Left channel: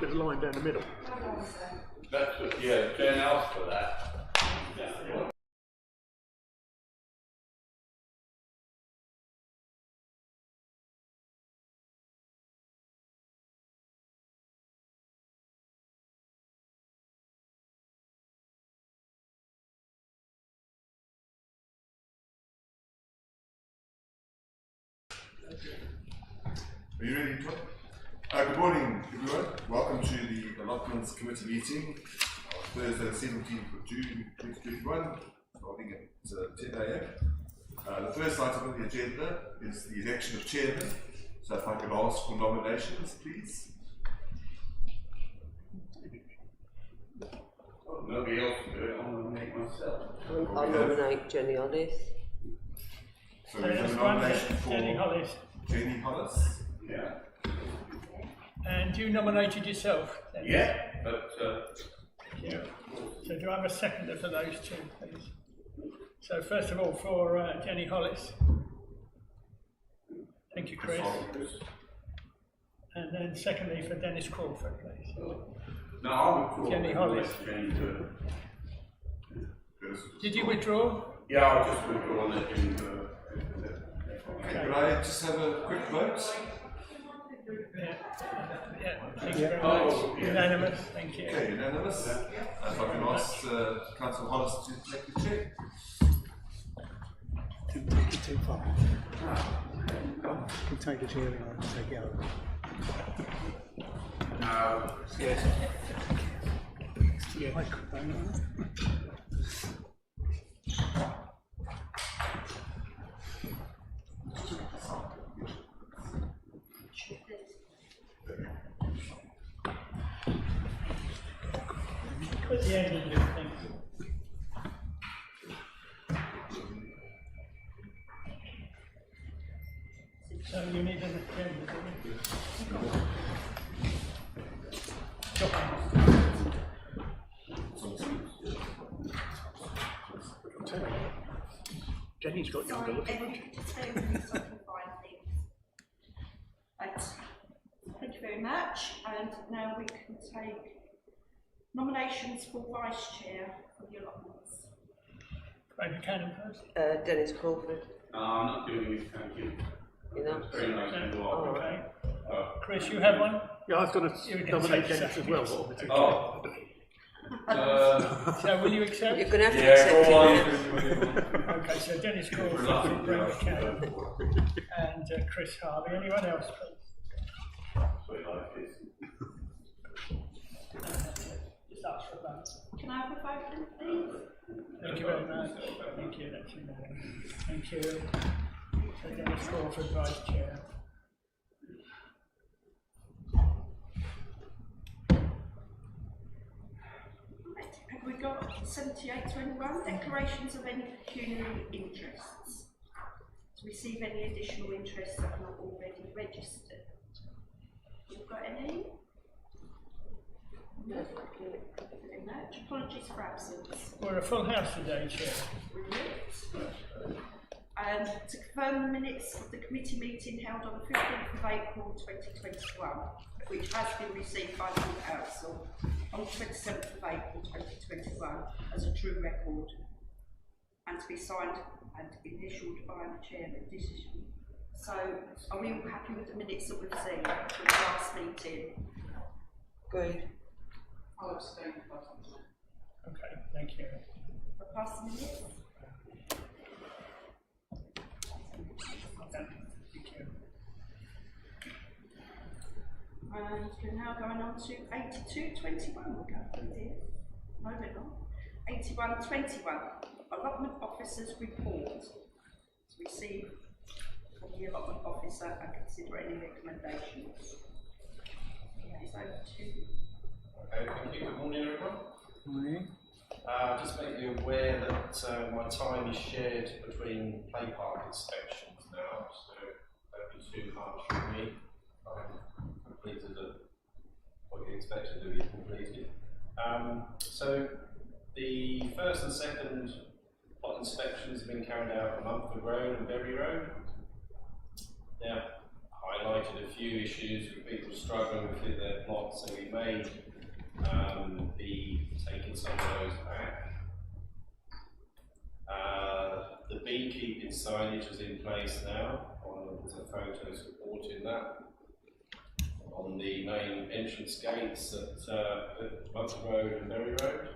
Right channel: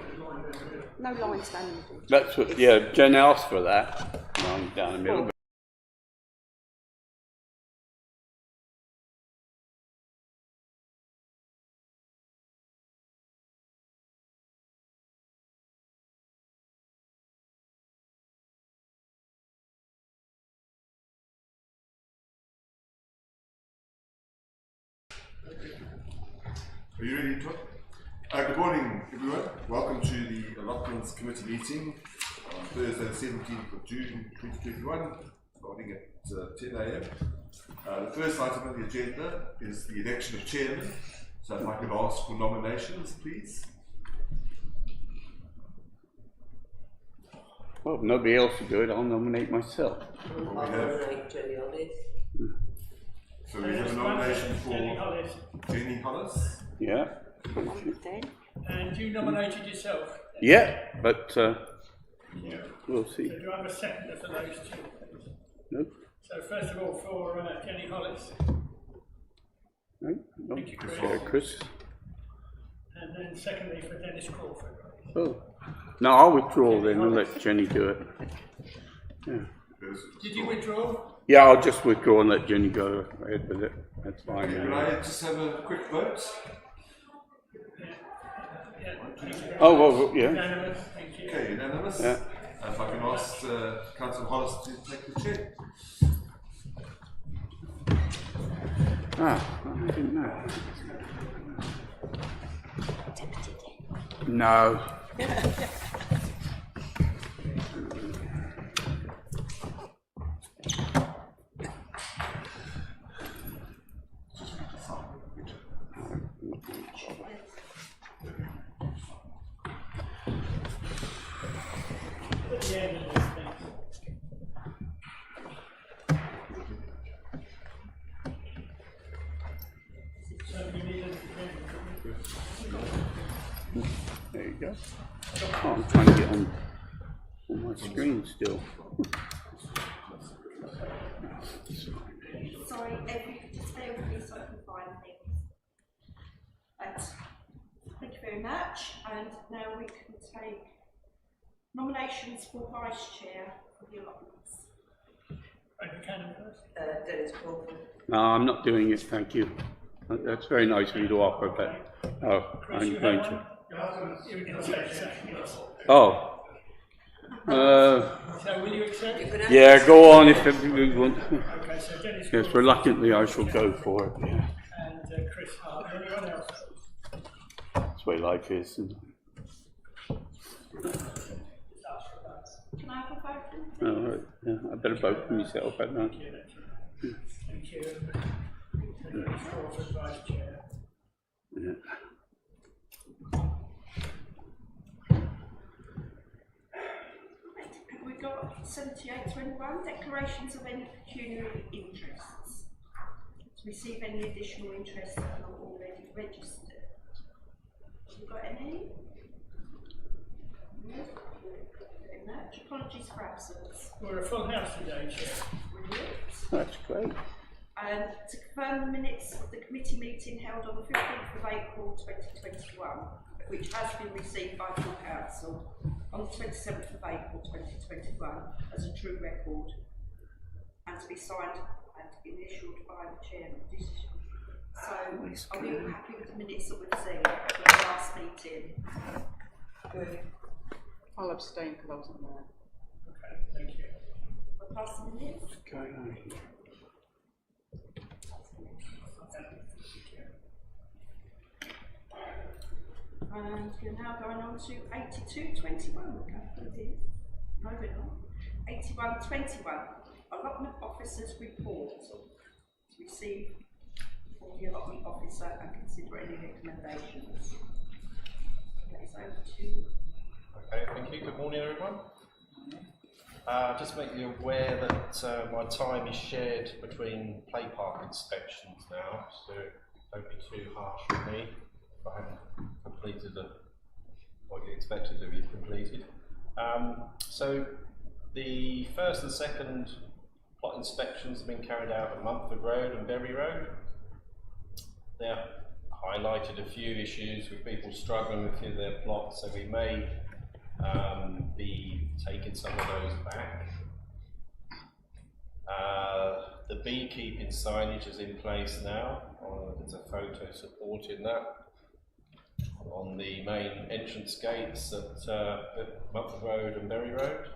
there's a line down the middle. No lines down the middle. That's what, yeah, Jen asked for that. Line down the middle. Are you ready to talk? Good morning, everyone. Welcome to the Allotments Committee meeting on Thursday, the 17th of June 2021, starting at 10 a.m. The first item on the agenda is the election of chairman. So if I could ask for nominations, please. Well, if nobody else will do it, I'll nominate myself. I'll nominate Jenny Hollis. So we have a nomination for Jenny Hollis. Jenny Hollis. Yeah. And you nominated yourself? Then? Yeah, but Yeah. we'll see. So do I have a seconder for those two, please? Nope. So first of all, for Jenny Hollis. Nope. Thank you, Chris. Yeah, Chris. And then secondly for Dennis Crawford, please. Oh. No, I'll withdraw Jenny then. We'll Hollis. let Jenny do it. Yeah. Did you withdraw? Yeah, I'll just withdraw and let Jenny go ahead with it. That's fine. Could I just have a quick vote? Yeah. Yeah. Thank you very Oh, much. well, yeah. Unanimous. Thank you. Okay, unanimous. Yeah. And if I can ask Councillor Hollis to take the chair. No. At the end of this thing. So you need an agenda, don't you? There you go. Oh, I'm trying to get on my screen still. Jenny's got Sorry, if you could just bear with me so I can find things. Right. Thank you very much. And now we can take nominations for vice chair for the allotments. Craig Buchanan first. Dennis Crawford. No, I'm not doing it, thank you. That's very nice of you to offer Okay. that. Oh, Chris, I'm you have going one? Yeah, I've got a nomination as well. to- Oh. So will you accept? You're going to have Yeah, to go on if you want. Okay, so Dennis Yes, Crawford. reluctantly I shall go for it. And Chris Harley. Anyone else, please? That's the way life is. Just ask for a vote. Can I have a vote then, please? Yeah, I better Thank you vote for very much. myself. I don't Thank you, that's unanimous. Thank you. So Dennis Crawford, vice chair. Yeah. Right. Have we got 7821, declarations of any pecuniary interests? To receive any additional interests that are not already registered. Have you got any? No. Very much. Apologies for absence. We're a full house today, Chair. Brilliant. That's great. To confirm the minutes of the committee meeting held on the 15th of April 2021, which has been received by full council on the 27th of April 2021 as a true record, and to be signed and initialled by the chairman. So, are we all happy with the minutes that we've seen from the last meeting? Good. I'll abstain because I wasn't there. Okay, thank you. I'll pass the minutes. Thank you. And we're now going on to 8221. We'll go through this. No, we're not. 8121. Allotment officer's report. To receive from the allotment officer and consider any recommendations. That is over to you. Okay, thank you. Good morning, everyone. Morning. Just make you aware that my time is shared between play park inspections now, so don't be too harsh with me if I haven't completed what you expected to be completed. So the first and second plot inspections have been carried out at Mumford Road and Berry Road. They're highlighted a few issues with people struggling with their plots, so we may be taking some of those back. The beekeeping signage is in place now. There's a photo supporting that on the main entrance gates at Mutton Road and Berry Road.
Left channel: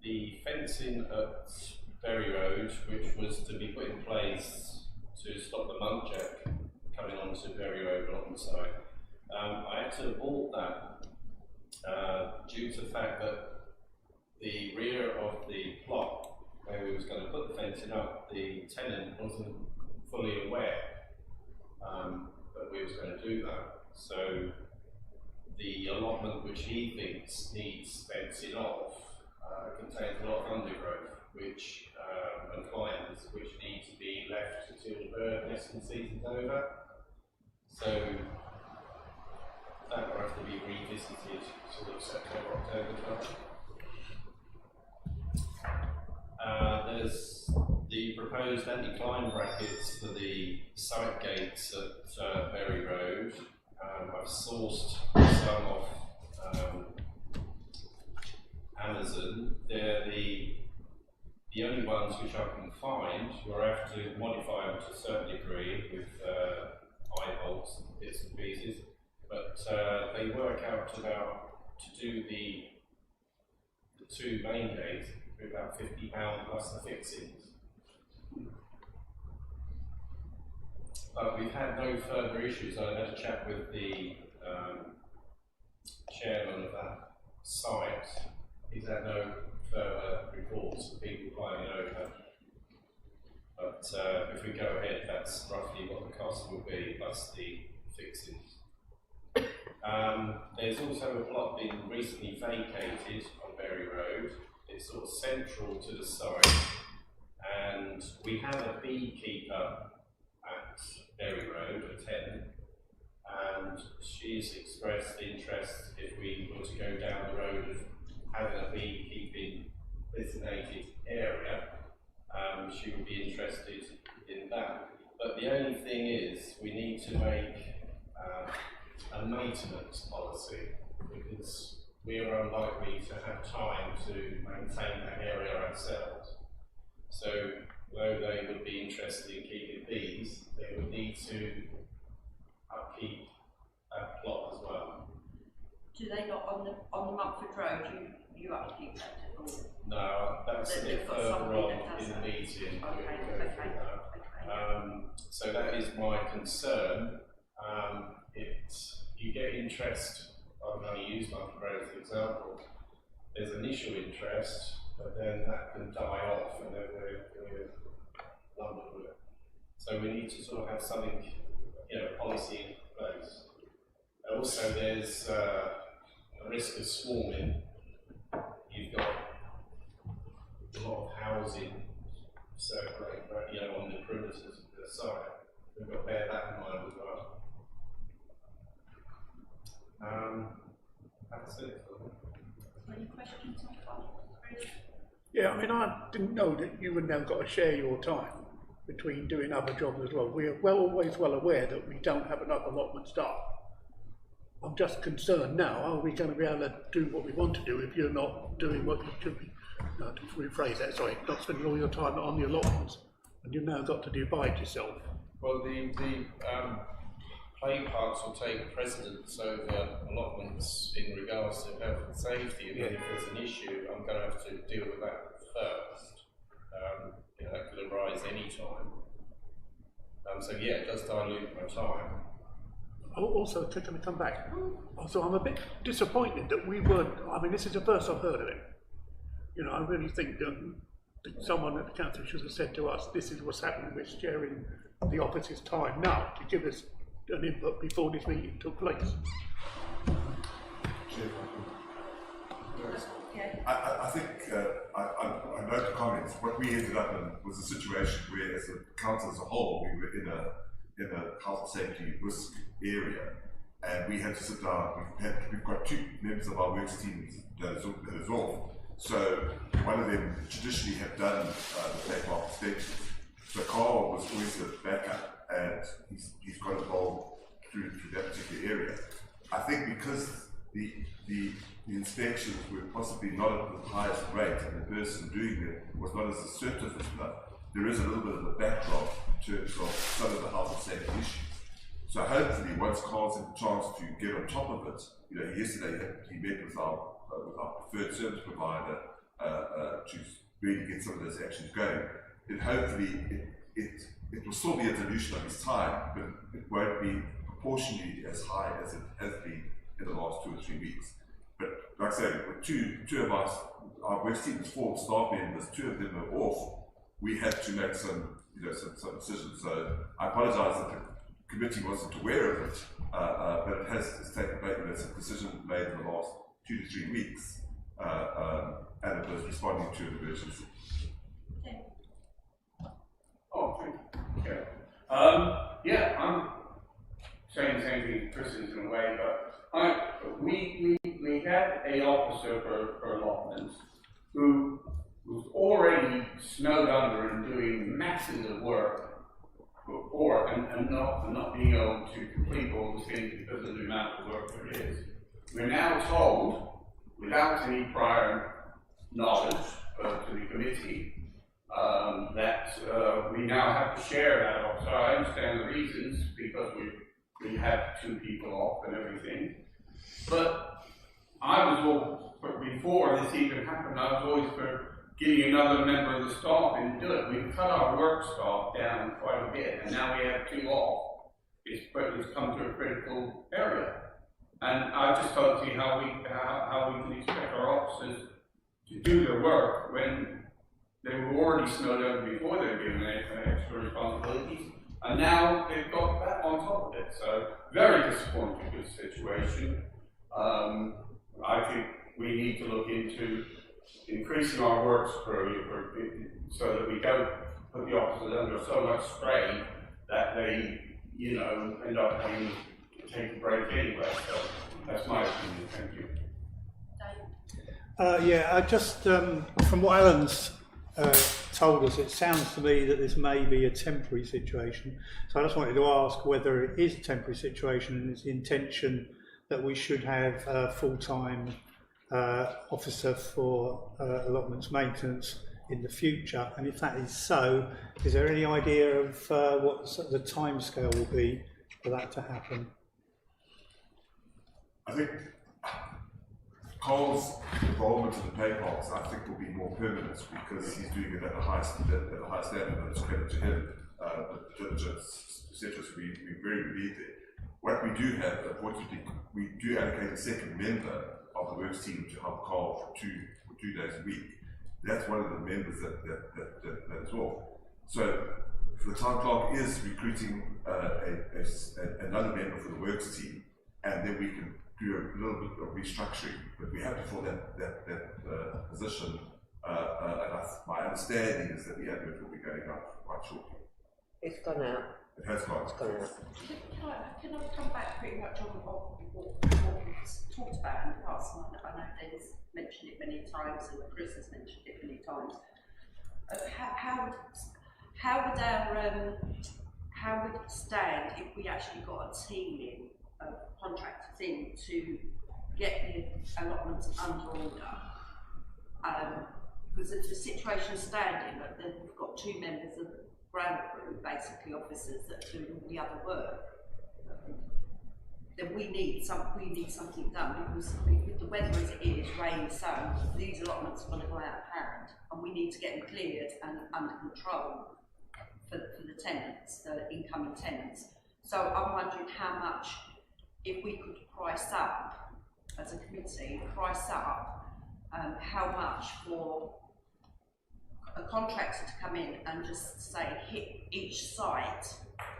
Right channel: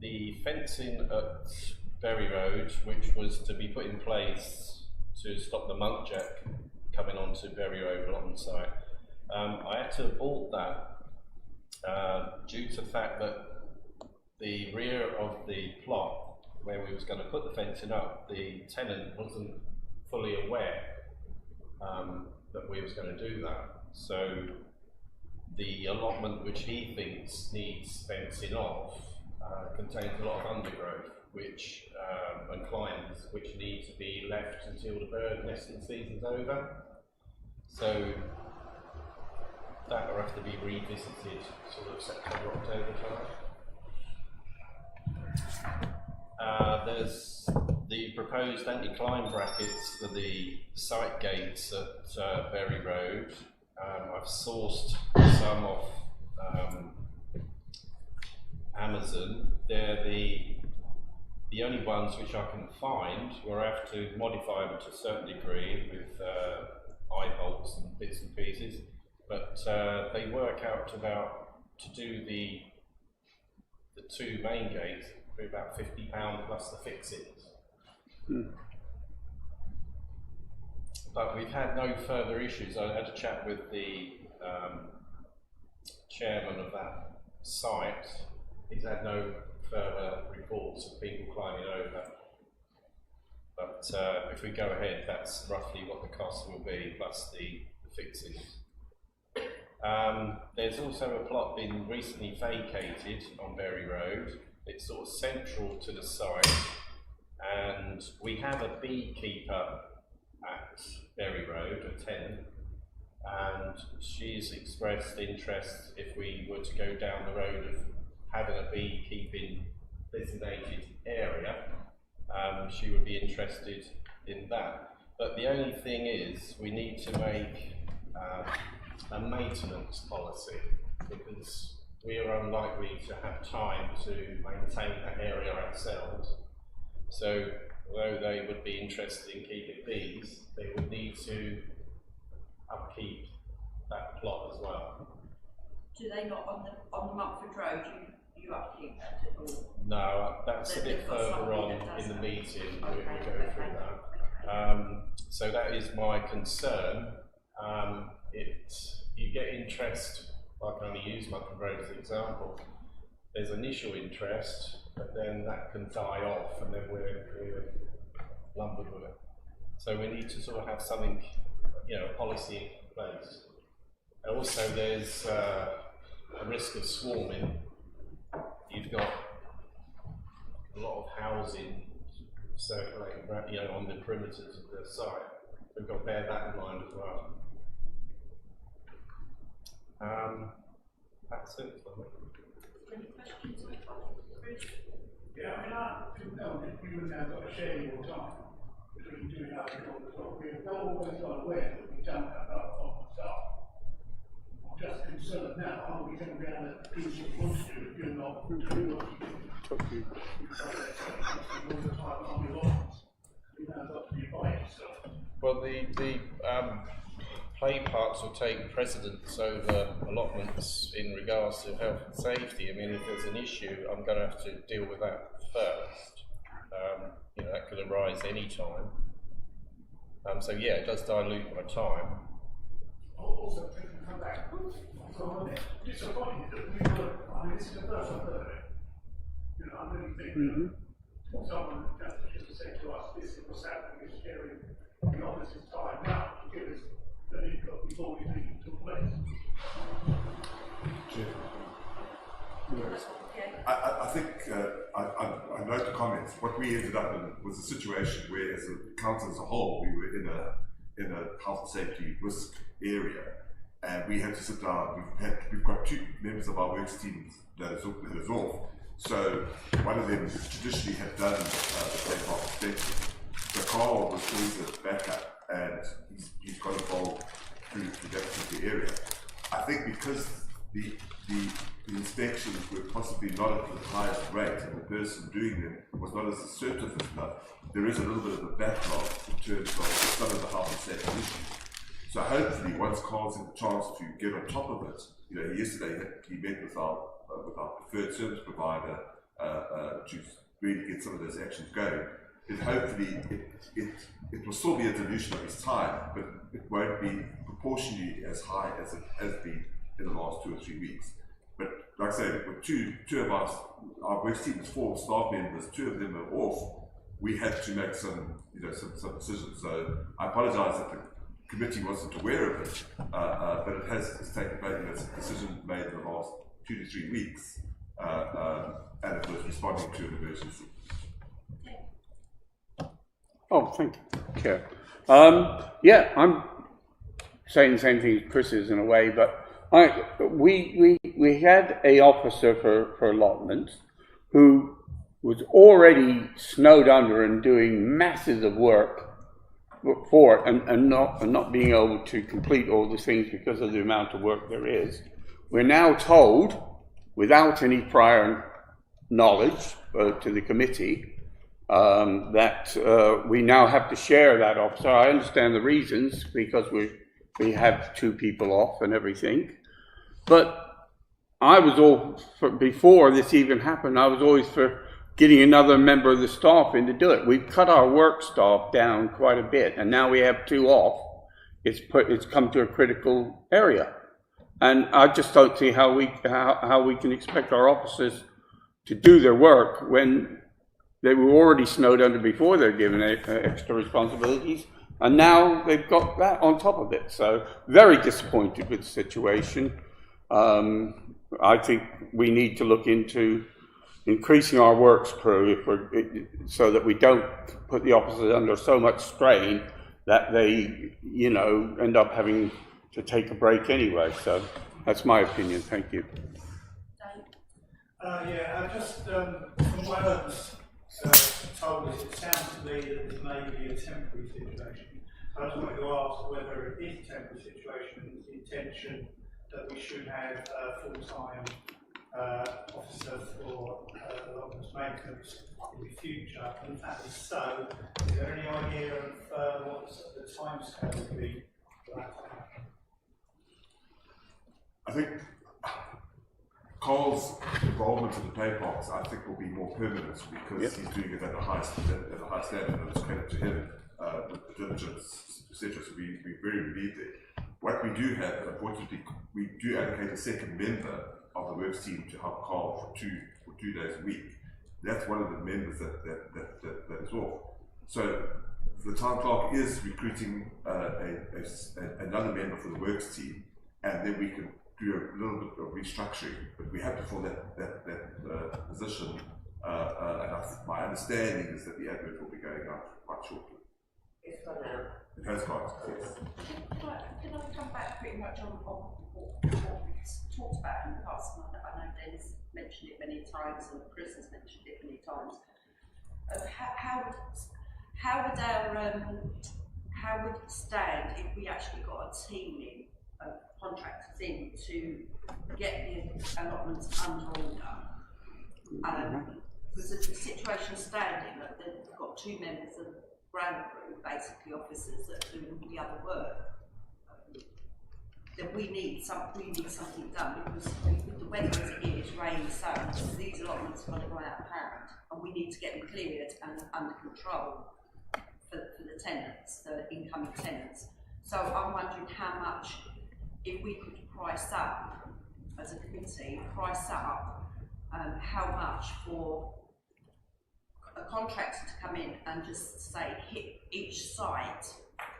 The fencing at Berry Road, which was to be put in place to stop the muntjac coming onto Berry Road Allotment site, I had to abort that due to the fact that the rear of the plot where we was going to put the fencing up, the tenant wasn't fully aware that we was going to do that. So the allotment which he thinks needs fencing off contains a lot of undergrowth, which and climbers, which need to be left until the bird nesting season's over. So that will have to be revisited sort of September, October time. There's the proposed anti-climb brackets for the site gates at Berry Road. I've sourced some off Amazon. They're the only ones which I can find where I have to modify them to a certain degree with eye bolts and bits and pieces, but they work out to do the two main gates for about £50 plus the fixings. But we've had no further issues. I had a chat with the chairman of that site. He's had no further reports of people climbing over. But if we go ahead, that's roughly what the cost will be, plus the fixings. There's also a plot been recently vacated on Berry Road. It's sort of central to the site, and we have a beekeeper at Berry Road, a tenant, and she's expressed interest if we were to go down the road of having a beekeeping designated area. She would be interested in that. But the only thing is, we need to make a maintenance policy, because we are unlikely to have time to maintain that area ourselves. So, although they would be interested in keeping bees, they would need to upkeep that plot as well. Do they not on the Mumford Road? You upkeep that at all? No, that's a bit further on in the meeting. Okay, We'll go through that. So that is my concern. You get interest. I can only use Mutton Road as an example. There's initial interest, but then that can die off, and then we're lumbered with it. So we need to sort of have something, a policy in place. Also, there's a risk of swarming. You've got a lot of housing circulating, on the perimeters of the site. We've got to bear that in mind as well. That's it for me. Any questions on that? Yeah, I mean, I didn't know that you had now got to share your time between doing other jobs as well. We are always well aware that we don't have enough allotment staff. I'm just concerned now, are we going to be able to do what we want to do if you're not doing what you do? To rephrase that, sorry, not spending all your time on the allotments, and you've now got to do by it yourself. Well, the play parks will take precedence over allotments in regards to health and safety. I mean, if there's an issue, I'm going to have to deal with that first. That could arise any time. So yeah, it does dilute my time. Also, to come back, so I'm a bit disappointed that we weren't, I mean, this is the first I've heard of it. I really think that someone at the council should have said to us, this is what's happening with sharing the office's time now, to give us an input before this meeting took place. I think I note the comments. What we ended up in was a situation where, as a council as a whole, we were in a health and safety risk area, and we had to sit down. We've got two members of our works teams that is off. So one of them traditionally had done the play park extension. So Carl was always a backup, and he's got involved through that particular area. I think because the inspections were possibly not at the highest rate and the person doing them was not as assertive as enough, there is a little bit of a backlog in terms of some of the health and safety issues. So hopefully, once Carl's had a chance to get on top of it, you know, yesterday he met with our preferred service provider to really get some of those actions going. And hopefully, it will still be a dilution of his time, but it won't be proportionally as high as it has been in the last 2 or 3 weeks. But like I say, with two of us, our work team is 4 staff members, 2 of them are off. We had to make some decisions. So I apologise that the committee wasn't aware of it, but it's taken place. It's a decision made in the last 2 to 3 weeks, and it was responding to an emergency. Oh, thank you, Chair. Yeah, I'm saying the same thing as Chris is in a way, but we had a officer for allotments who was already snowed under and doing masses of work for it and not being able to complete all the things because of the amount of work there is. We're now told, without any prior knowledge to the committee, that we now have to share that officer. I understand the reasons, because we have 2 people off and everything, but I was all for, before this even happened, I was always for getting another member of the staff in to do it. We've cut our work staff down quite a bit, and now we have 2 off. It's come to a critical area, and I just don't see how we can expect our officers to do their work when they were already snowed under before they're given extra responsibilities, and now they've got that on top of it. So very disappointed with the situation. I think we need to look into increasing our works crew so that we don't put the officers under so much strain that they, you know, end up having to take a break anyway. So that's my opinion. Thank you. Yeah, just from what Alan's told us, it sounds to me that this may be a temporary situation. So I just wanted to ask whether it is a temporary situation and it's the intention that we should have a full-time officer for allotments maintenance in the future, and if that is so, is there any idea of what the timescale will be for that to happen? I think Carl's involvement in the pay parks, I think, will be more permanent because he's doing it at a high standard, and it's credit to him, the diligence, etc. So we're very relieved there. What we do have, unfortunately, we do allocate a second member of the works team to help Carl for two days a week. That's one of the members that is off. So the town clerk is recruiting another member for the works team, and then we can do a little bit of restructuring. But we have to fill that position. And my understanding is that the advert will be going up quite shortly. It's gone out. It has gone. Can I come back pretty much on what we've talked about in the past? And I know Dennis mentioned it many times, and Chris has mentioned it many times. How would it stand if we actually got a team in, contractors in, to get the allotments under order? Because the situation standing, that they've got 2 members of ground crew, basically officers that are doing all the other work. Then we need something done, because with the weather as it is, rain, sun, these allotments are going to go out of hand, and we need to get them cleared and under control for the tenants, the incoming tenants. So I'm wondering how much, if we could price up as a committee, how much for a contractor to come in and just say hit each site,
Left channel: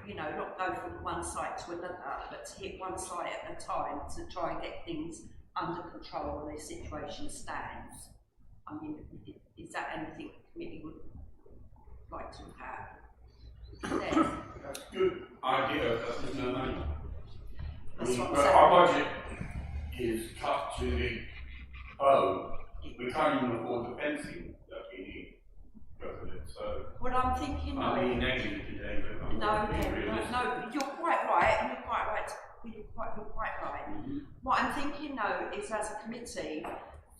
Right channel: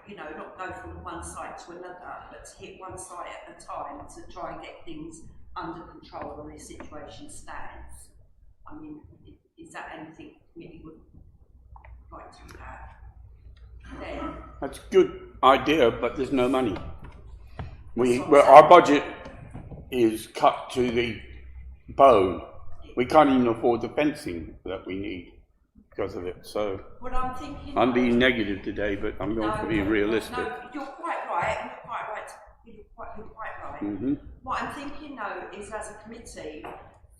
you know, not go from one site to another, but to hit one site at a time to try and get things under control when the situation stands. I mean, is that anything the committee would like to have? Then, That's a good idea, but there's no money. Our budget is cut to the bone. We can't even afford the fencing that we need. because of it. So Well, I'm thinking. I'm being negative today, but I'm going to be realistic. No, you're quite right, and you're quite right. You're quite right. Mm-hmm. What I'm thinking though is, as a committee,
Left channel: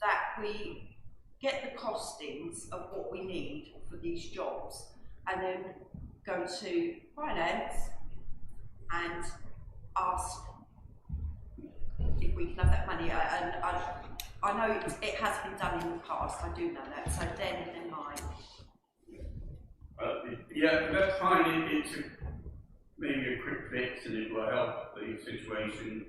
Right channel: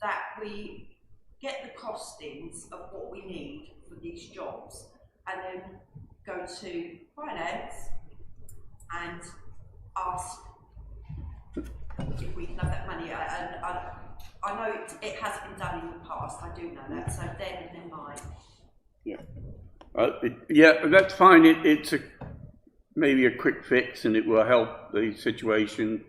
that we get the costings of what we need for these jobs, and then go to finance and ask if we can have that money. And I know it has been done in the past. I do know that. So then mine. Yeah. Yeah, that's fine. It's maybe a quick fix, and it will help the situation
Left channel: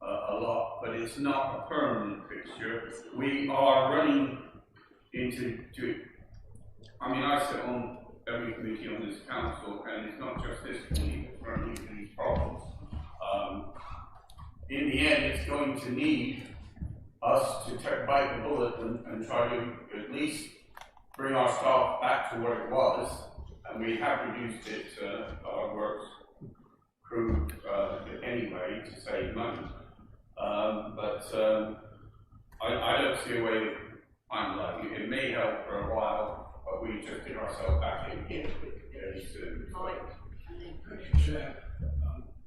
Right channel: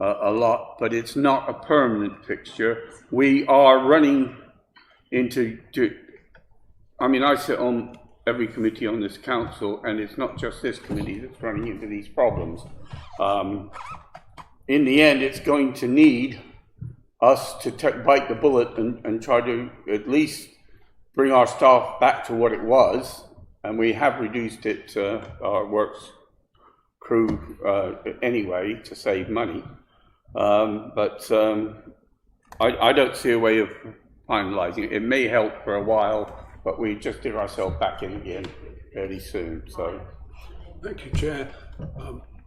a lot, but it's not a permanent fixture. We are running into, I mean, I sit on every committee on this council, and it's not just this committee that's running into these problems. In the end, it's going to need us to bite the bullet and try to at least bring our staff back to what it was, and we have reduced it, our works crew anyway, to save money. But I don't see a way of finalising it. It may help for a while, but we just get ourselves back in again fairly soon. So. Thank you, Chair.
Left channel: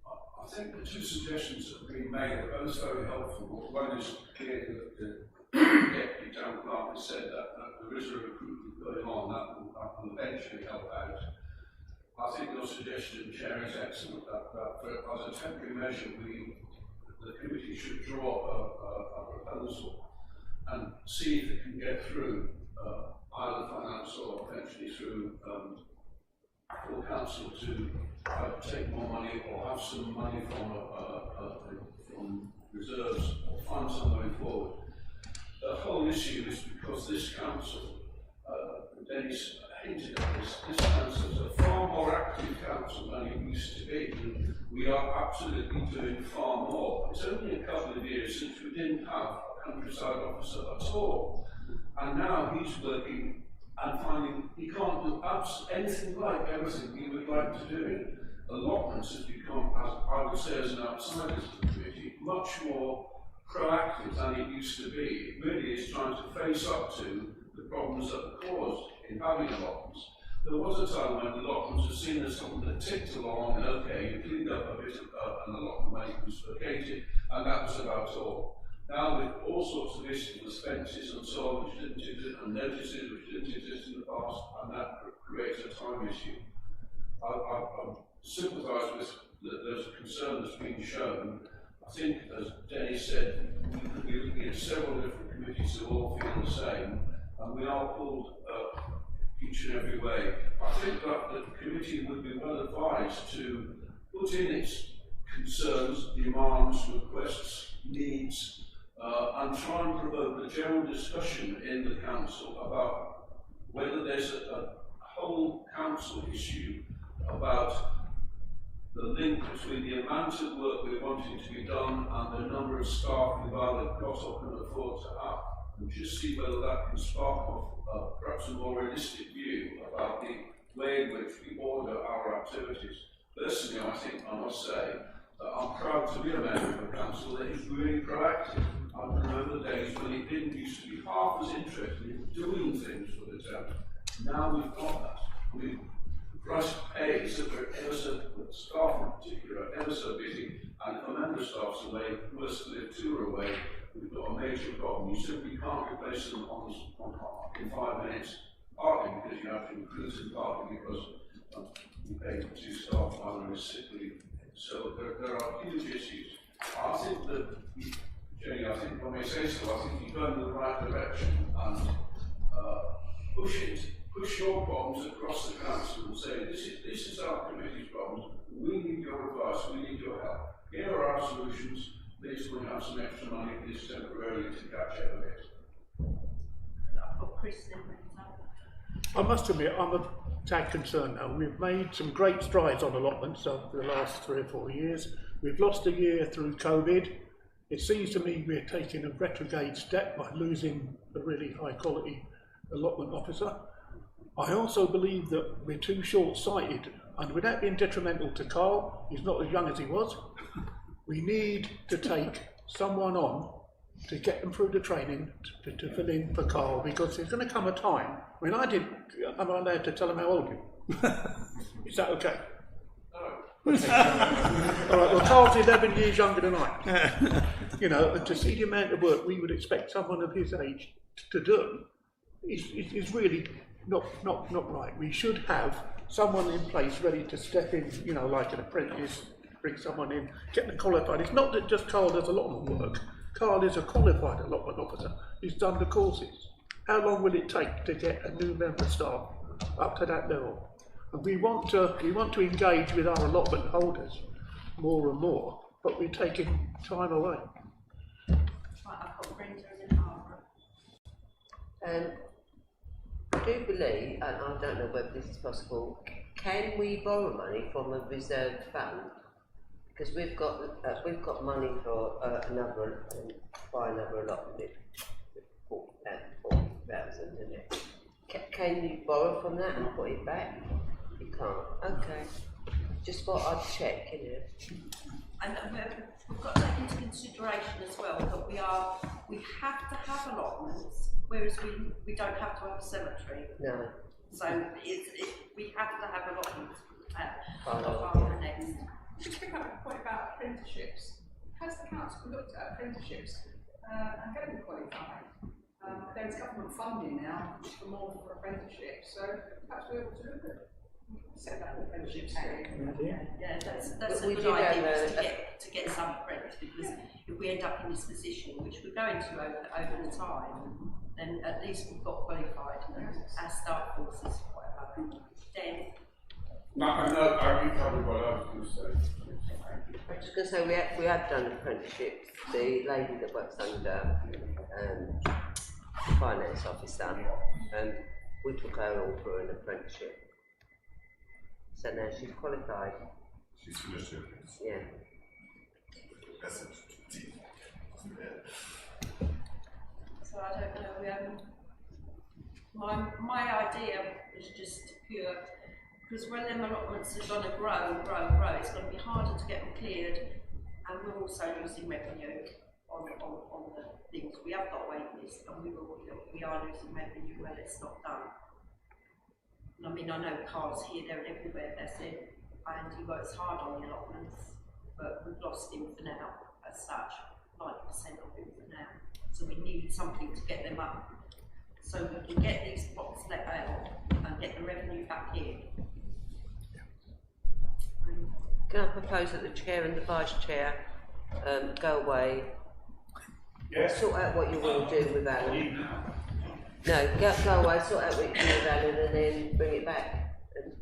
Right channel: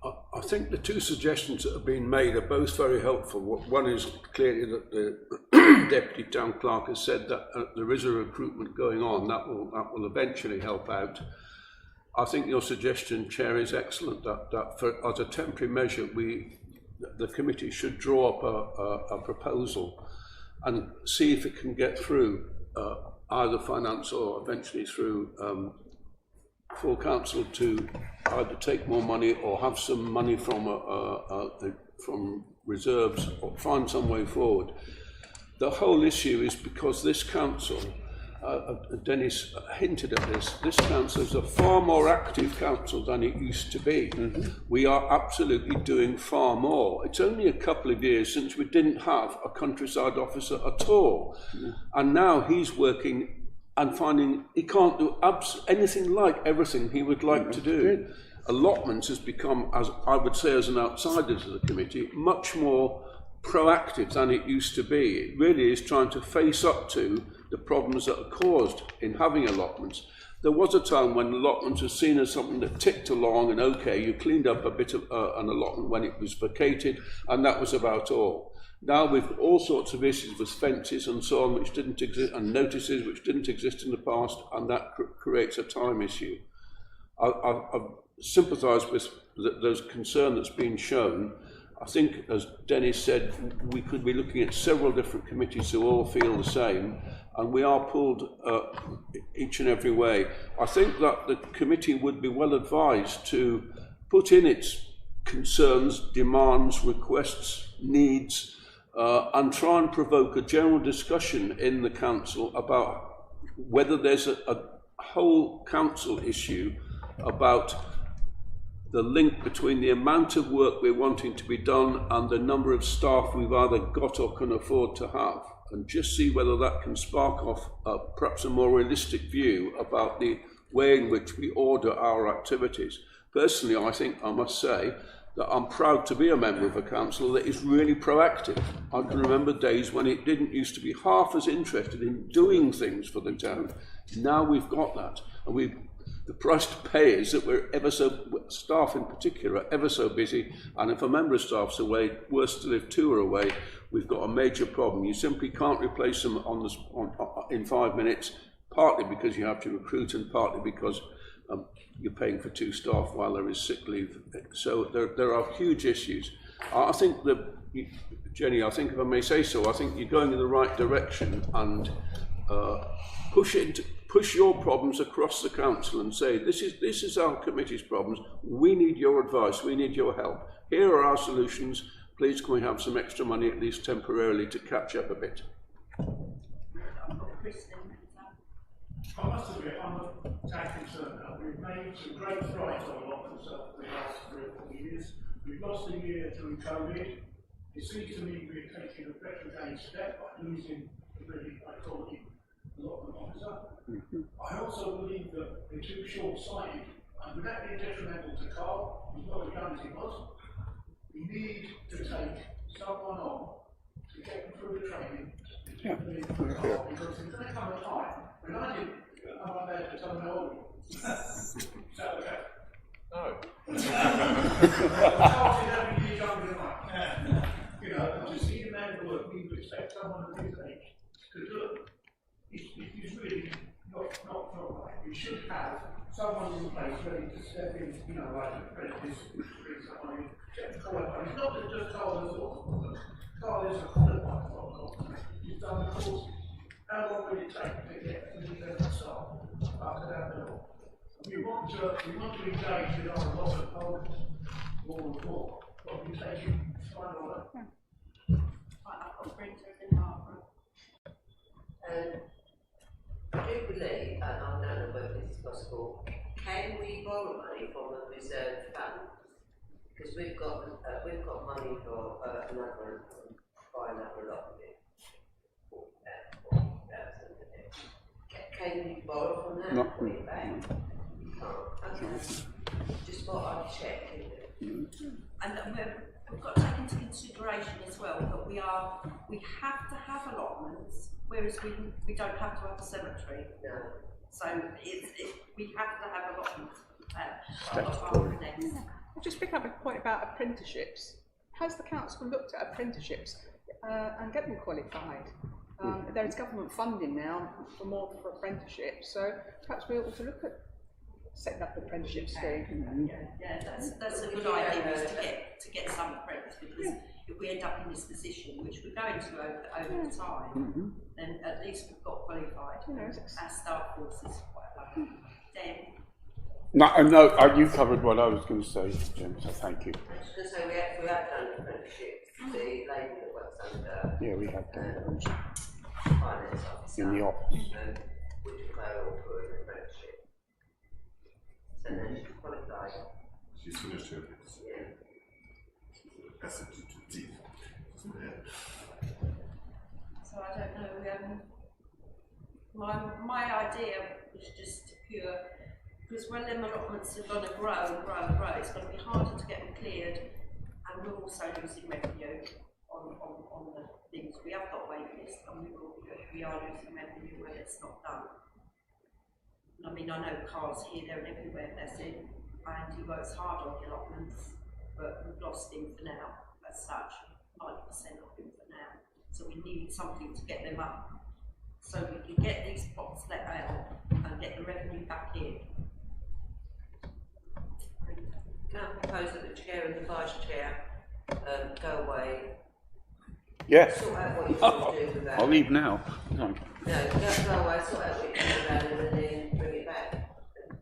I think the two suggestions that have been made are both very helpful. One is clearly that the Deputy Town Clerk has said that there is a recruitment going on. That will eventually help out. I think your suggestion, Chair, is excellent. That for, as a temporary measure, the committee should draw up a proposal and see if it can get through either finance or eventually through full council to either take more money or have some money from reserves or find some way forward. The whole issue is because this council, Dennis hinted at this council is a far more active council than it used to be. Mm-hmm. We are absolutely doing far more. It's only a couple of years since we didn't have a countryside officer at all. Mm-hmm. And now he's working and finding he can't do anything like everything he would like to do. Allotments has become, as I would say as an outsider to the committee, much more proactive than it used to be. It really is trying to face up to the problems that are caused in having allotments. There was a time when allotments was seen as something that ticked along and okay, you cleaned up a bit of an allotment when it was vacated, and that was about all. Now we've all sorts of issues with fences and so on which didn't exist, and notices which didn't exist in the past, and that creates a time issue. I've sympathised with those concern that's been shown. I think, as Dennis said, we could be looking at several different committees who all feel the same, and we are pulled each and every way. I think that the committee would be well advised to put in its concerns, demands, requests, needs, and try and provoke a general discussion in the council about whether there's a whole council issue about the link between the amount of work we're wanting to be done and the number of staff we've either got or can afford to have, and just see whether that can spark off perhaps a more realistic view about the way in which we order our activities. Personally, I think I must say that I'm proud to be a member of a council that is really proactive. I can remember days when it didn't used to be half as interested in doing things for the town. Now we've got that, and the price to pay is that we're staff in particular, are ever so busy, and if a member of staff's away, worse still if two are away, we've got a major problem. You simply can't replace them in 5 minutes, partly because you have to recruit and partly because you're paying for two staff while there is sick leave. So there are huge issues. I think that, Jenny, I think if I may say so, I think you're going in the right direction, and push your problems across the council and say, this is our committee's problems, we need your advice, we need your help. Here are our solutions, please can we have some extra money, at least temporarily, to catch up a bit. I must admit, I'm a tad concerned now. We've made some great strides on allotments over the last 3 or 4 years. We've lost a year through COVID. It seems to me we're taking a retrograde step by losing a really high quality allotment officer. I also believe that we're too short-sighted, and without being detrimental to Carl, he's not as young as he was. We need to take someone on to get them through the training to fill in for Carl, because there's going to come a time when I'm allowed to tell them how old you are. Is that okay? No. Well, Carl's 11 years younger than I. You know, and to see the amount of work we would expect someone of his age to do is really not right. We should have someone in place ready to step in, you know, like an apprentice, bring someone in, get them qualified. It's not that just Carl does a lot of work. Carl is a qualified allotment officer. He's done the courses. How long will it take to get a new member of staff up to that level? And we want to engage with our allotment holders more and more, but we're taking time away. Right, I've got Brenda and then Barbara. I do believe, and I don't know whether this is possible, can we borrow money from a reserve fund? Because we've got money for buy another allotment, 40,000, isn't it? Can you borrow from that and put it back? You can't. Okay. Just thought I'd check, you know. And we've got to take into consideration as well that we have to have allotments, whereas we don't have to have a cemetery. No. So we have to have allotments. Barbara next. I'll just pick up a point about apprenticeships. Has the council looked at apprenticeships and get them qualified? There is government funding now for apprenticeships, so perhaps we ought to look at setting up apprenticeships too. Yeah, that's a good idea, to get some apprentices, because if we end up in this position, which we're going to over the time, then at least we've got qualified. Our staff force is quite low. Dan? No, you covered what I was going to say, Jim, so thank you. I was just going to say we have done apprenticeships. The lady that works under We have finance officer, in the office. we took her all through an apprenticeship. So now she's qualified. She's finished her apprenticeship. Yeah. That's it. So I don't know. My idea was just pure, because when them allotments are going to grow, it's going to be harder to get them cleared, and we're also losing revenue on the things. We have got wait lists, and we are losing revenue when it's not done. I mean, I know Carl's here, there and everywhere, that's it, and he works hard on the allotments, but we've lost him for now, as such, 90% of him for now. So we need something to get them up, so we can get these plots let out and get the revenue back in. Can I propose that the chair and the vice chair go away, Yes. sort out what you want to do with that? I'll leave now. No, go away, sort out what you do with that, and then bring it back, and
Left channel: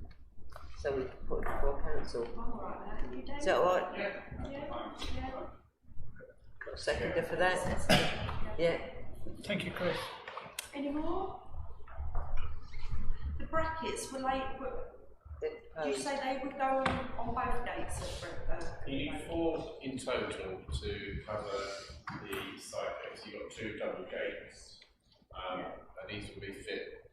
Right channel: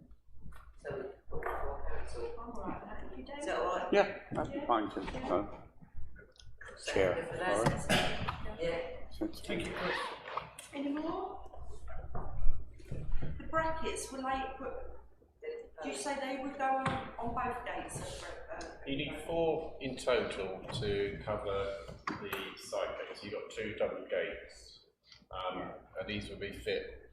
so we can put it before council. I'm alright with that, you do? Is that all right? Yeah, that's fine. Got a seconder for that? Yeah. Thank you, Chris. Any more? The brackets, were late, did you say they would go on both gates? You need 4 in total to cover the side gates. You've got 2 double gates, and these will be fit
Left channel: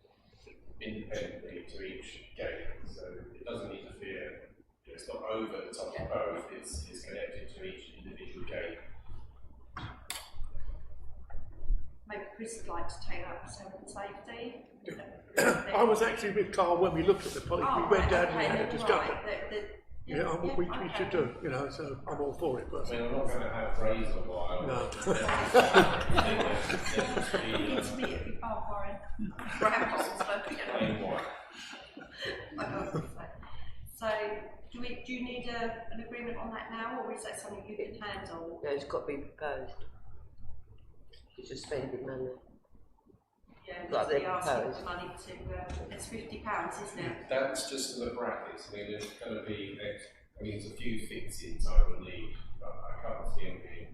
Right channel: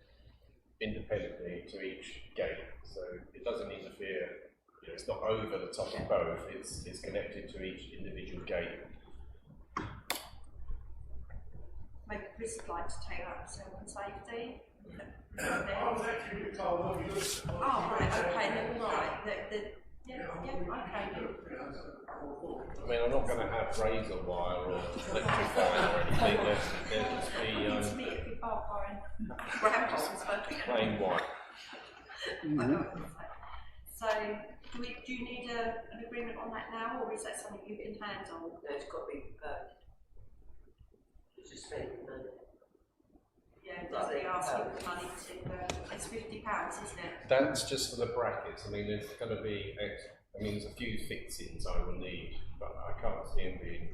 independently to each gate, so it doesn't interfere. You know, it's not over the top of both. It's connected to each individual gate. Maybe Chris would like to take up health and safety. I was actually with Carl when we looked at the policy. Oh, we went right, down okay, and then discussed right. it. We should do, you know, so I'm all for it. But I mean, I'm not going to have razor wire or anything. There'll just be It's me, it'd be bar foreign. Grandpa's plain white. I know what you're saying. So, do you need an agreement on that now, or is that something you can handle? No, it's got to be proposed. It's just spending money. Yeah, Like they they asking propose. for money to, it's £50, isn't it? That's just for the brackets. I mean, there's going to be, there's a few fixings I will need, but I can't see them being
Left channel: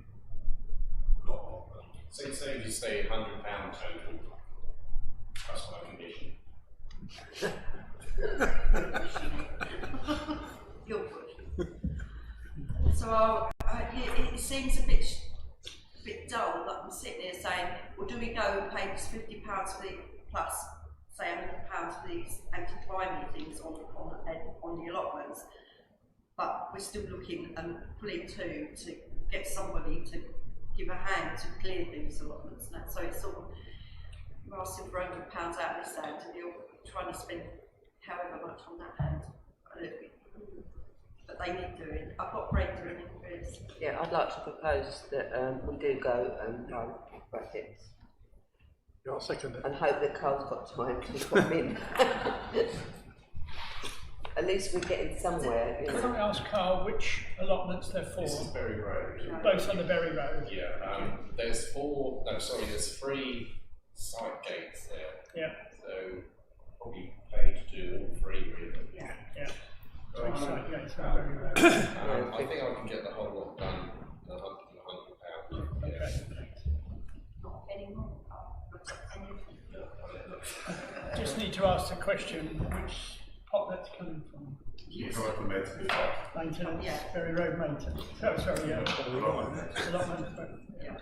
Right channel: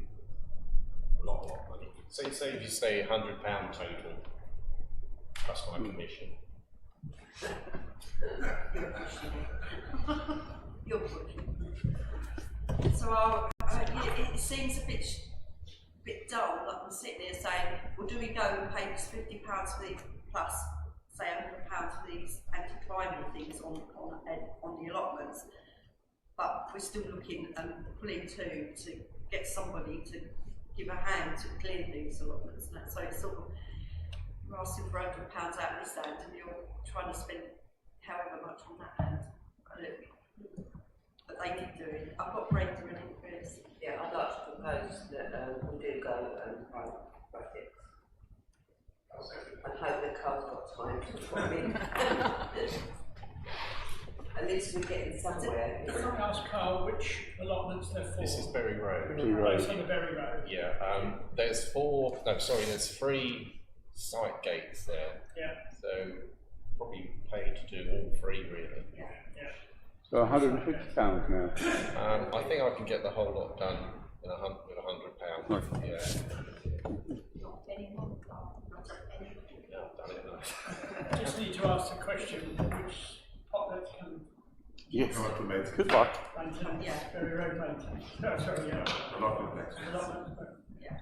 a lot more money. So say if you say £100 total, plus my commission. You're pushing. So it seems a bit dull that I'm sitting there saying, well, do we go and pay this £50 for these plus say £100 for these anti-crime things on the allotments, but we're still looking and pulling to get somebody to give a hand to clear these allotments and that. So it's sort of, you're asking for £100 out of this hand and you're trying to spend however much on that hand. But they need doing. I've got Brenda and Chris. Yeah, I'd like to propose that we do go and buy brackets. Yeah, I'll second it. And hope that Carl's got time to put them in. At least we're getting somewhere. You Can know. I ask Carl which allotments they're for? This is Berry Road. Both on the Berry Road. Yeah, there's three site gates there. Yeah. So probably pay to do all three really. Yeah. Yeah. So £150 now. I think I can get the whole lot done in with £100. Yeah. Not anymore. Not any. Yeah, I've done it enough. Just need to ask the question which pot that's coming from. Yes. Come up with mates. Good luck. Maintenance, Yeah. Berry Road maintenance. Oh, sorry, yeah. Allotment. Allotment, but, Yeah.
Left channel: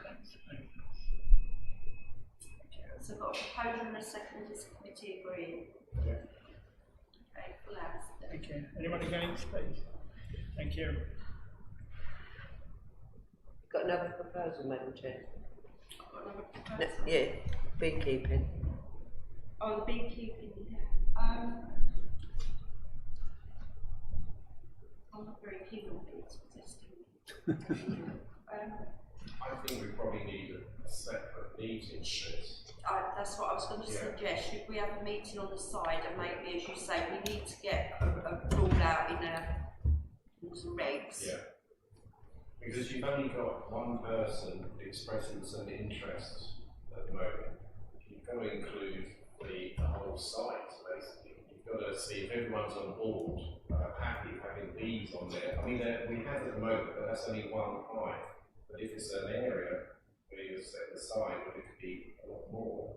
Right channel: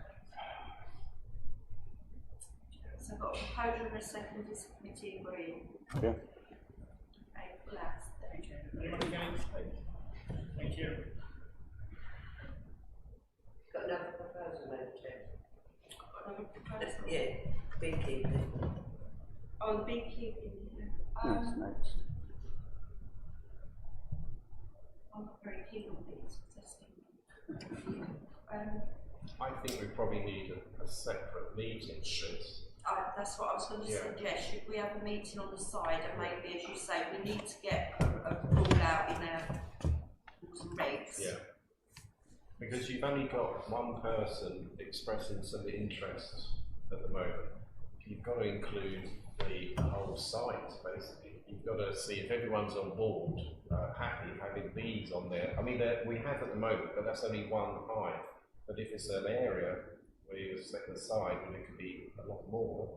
So I've got a proposal and a second, is the committee agreeing? Yeah. Okay, full house. thank you. Anyone against, please? Thank you. Got another proposal, Madam Chair? Got another proposal? Yeah, beekeeping. Oh, the beekeeping, yeah. I'm not very keen on bees for testing. I think we probably need a separate meeting for this. That's what I was going to suggest. Should we have a meeting on the side and maybe, as you say, we need to get a rule out in our rules and regs. Yeah. Because you've only got one person expressing some interest at the moment. You've got to include the whole site, basically. You've got to see if everyone's on board, happy having bees on there. I mean, we have at the moment, but that's only one hive. But if it's an area where you set aside, well, it could be a lot more.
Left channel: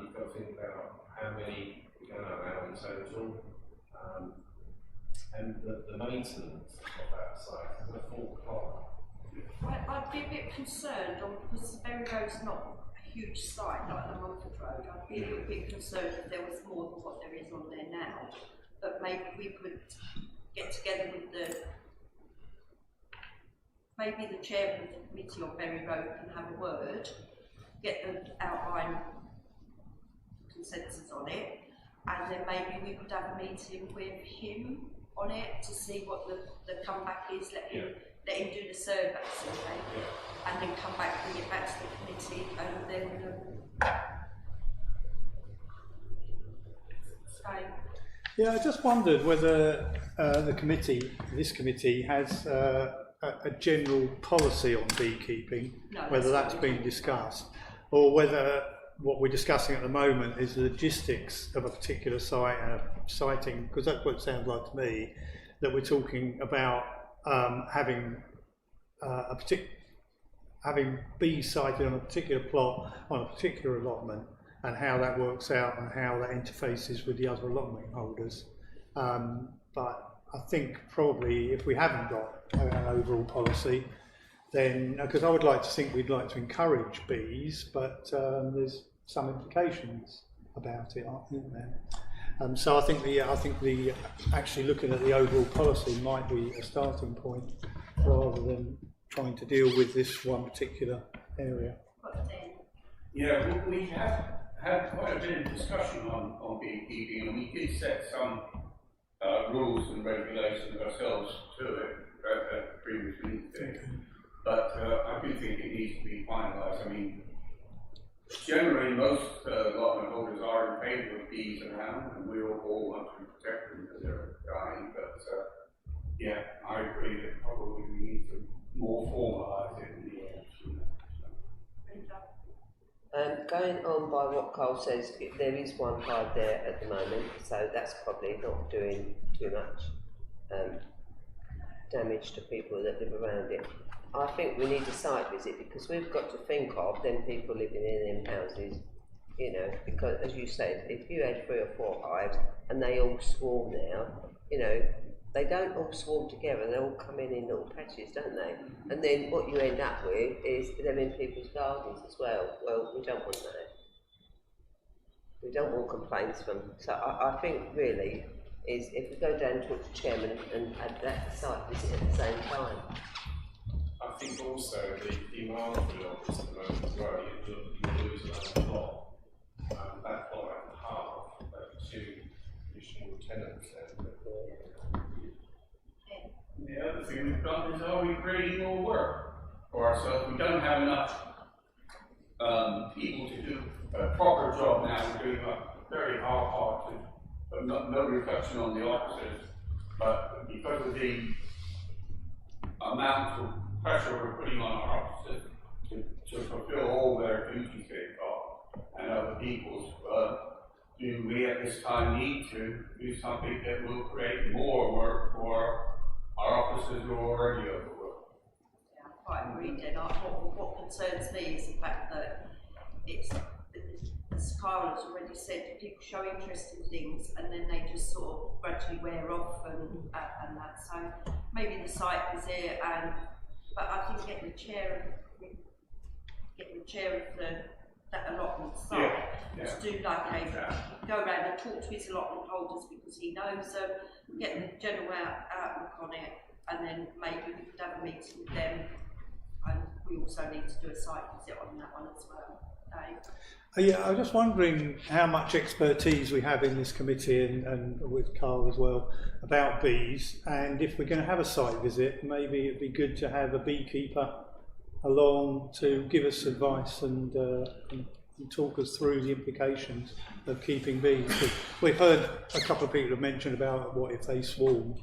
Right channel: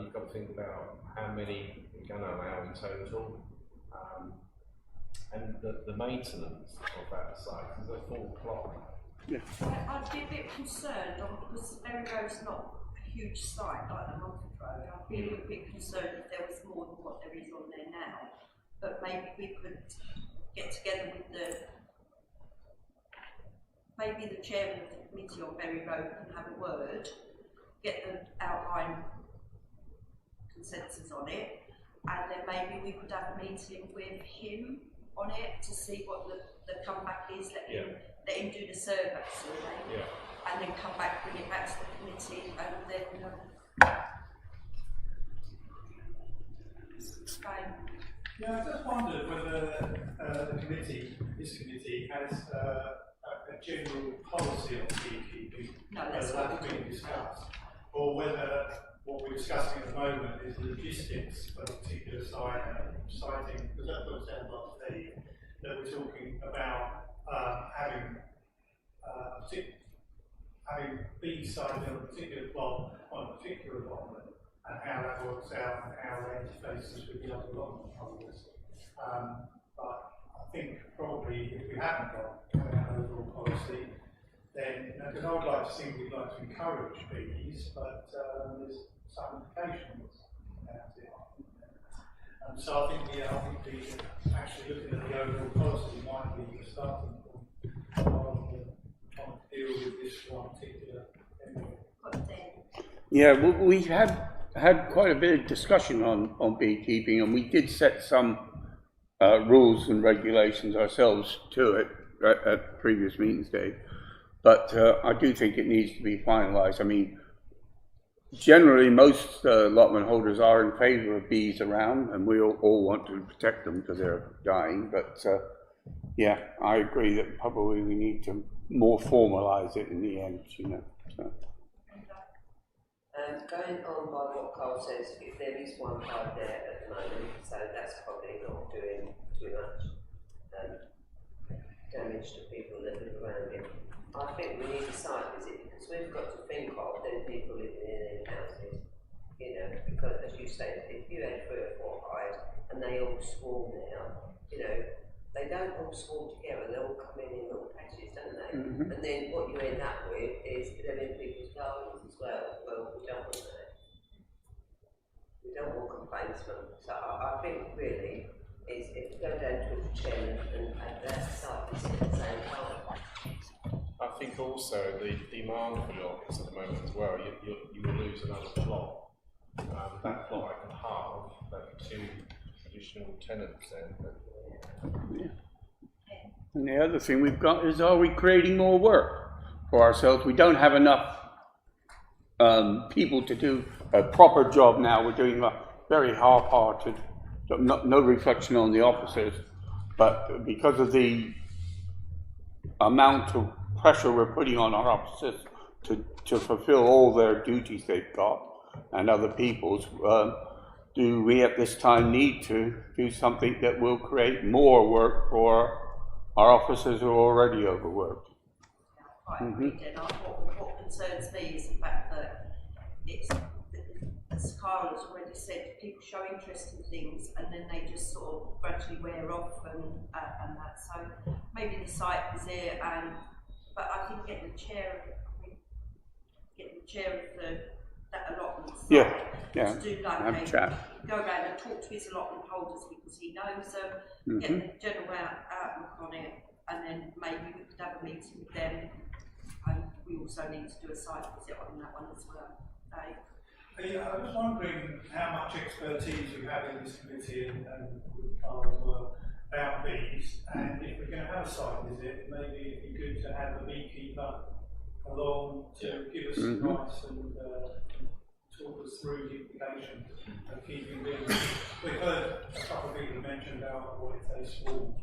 You've got to think about how many we're going to allow in total, and the maintenance of that site is a full clock. I'd be a bit concerned because Berry Road's not a huge site like the Mumford Road. I'd be a little bit concerned if there was more than what there is on there now. But maybe we could get together with maybe the chairman of the committee on Berry Road can have a word, get the outline consensus on it, and then maybe we could have a meeting with him on it to see what the comeback is, let him do the survey, and then come back, bring it back to the committee, and then Yeah, I just wondered whether this committee has a general policy on beekeeping, whether that's been discussed, or whether what we're discussing at the moment is the logistics of a particular siting, because that's what it sounds like to me, that we're talking about having bees sited on a particular plot, on a particular allotment, and how that works out and how that interfaces with the other allotment holders. But I think probably if we haven't got an overall policy, then, because I would like to think we'd like to encourage bees, but there's some implications about it, aren't there? So I think the actually looking at the overall policy might be a starting point rather than trying to deal with this one particular area. Yeah, we have had quite a bit of discussion on beekeeping, and we did set some rules and regulations ourselves to it at previous meetings, Dave. But I do think it needs to be finalised. I mean, generally most allotment holders are in favour of bees around, and we all want to protect them because they're dying. But yeah, I agree that probably we need to more formalise it in the end, you know. So. Going on by what Carl says, there is one hive there at the moment, so that's probably not doing too much damage to people that live around it. I think we need a site visit because we've got to think of them people living in them houses, you know, because as you say, if you had 3 or 4 hives and they all swarm now, you know, they don't all swarm together, they all come in little patches, don't they? Mm-hmm. And then what you end up with is them in people's gardens as well. Well, we don't want that. We don't want complaints from, so I think really is if we go down to the chairman and have that site visit at the same time. I think also the demand for the office at the moment as well, you will lose another plot. That plot I can halve, but 2 additional tenants then. And the other thing we've got is, are we creating more work for ourselves? We don't have enough people to do a proper job now. We're doing a very half-hearted, no reflection on the officers, but because of the amount of pressure we're putting on our officers to fulfill all their duties they've got and other people's, do we at this time need to do something that will create more work for our officers who are already overworked? Yeah, I quite agree, Den. What concerns me is the fact that it's, as Carl has already said, people show interest in things and then they just sort of gradually wear off and that. So maybe the site visit, but I think getting the chair of that allotment site to do like go around and talk to his allotment holders because he knows them, get the general outlook on it, and then maybe we could have a meeting with them. And we also need to do a site visit on that one as well. Yeah, I was just wondering how much expertise we have in this committee and with Carl as well about bees, and if we're going to have a site visit, maybe it'd be good to have a beekeeper along to give us advice and talk us through the implications of keeping bees. We've heard a couple of people have mentioned about what if they swarm.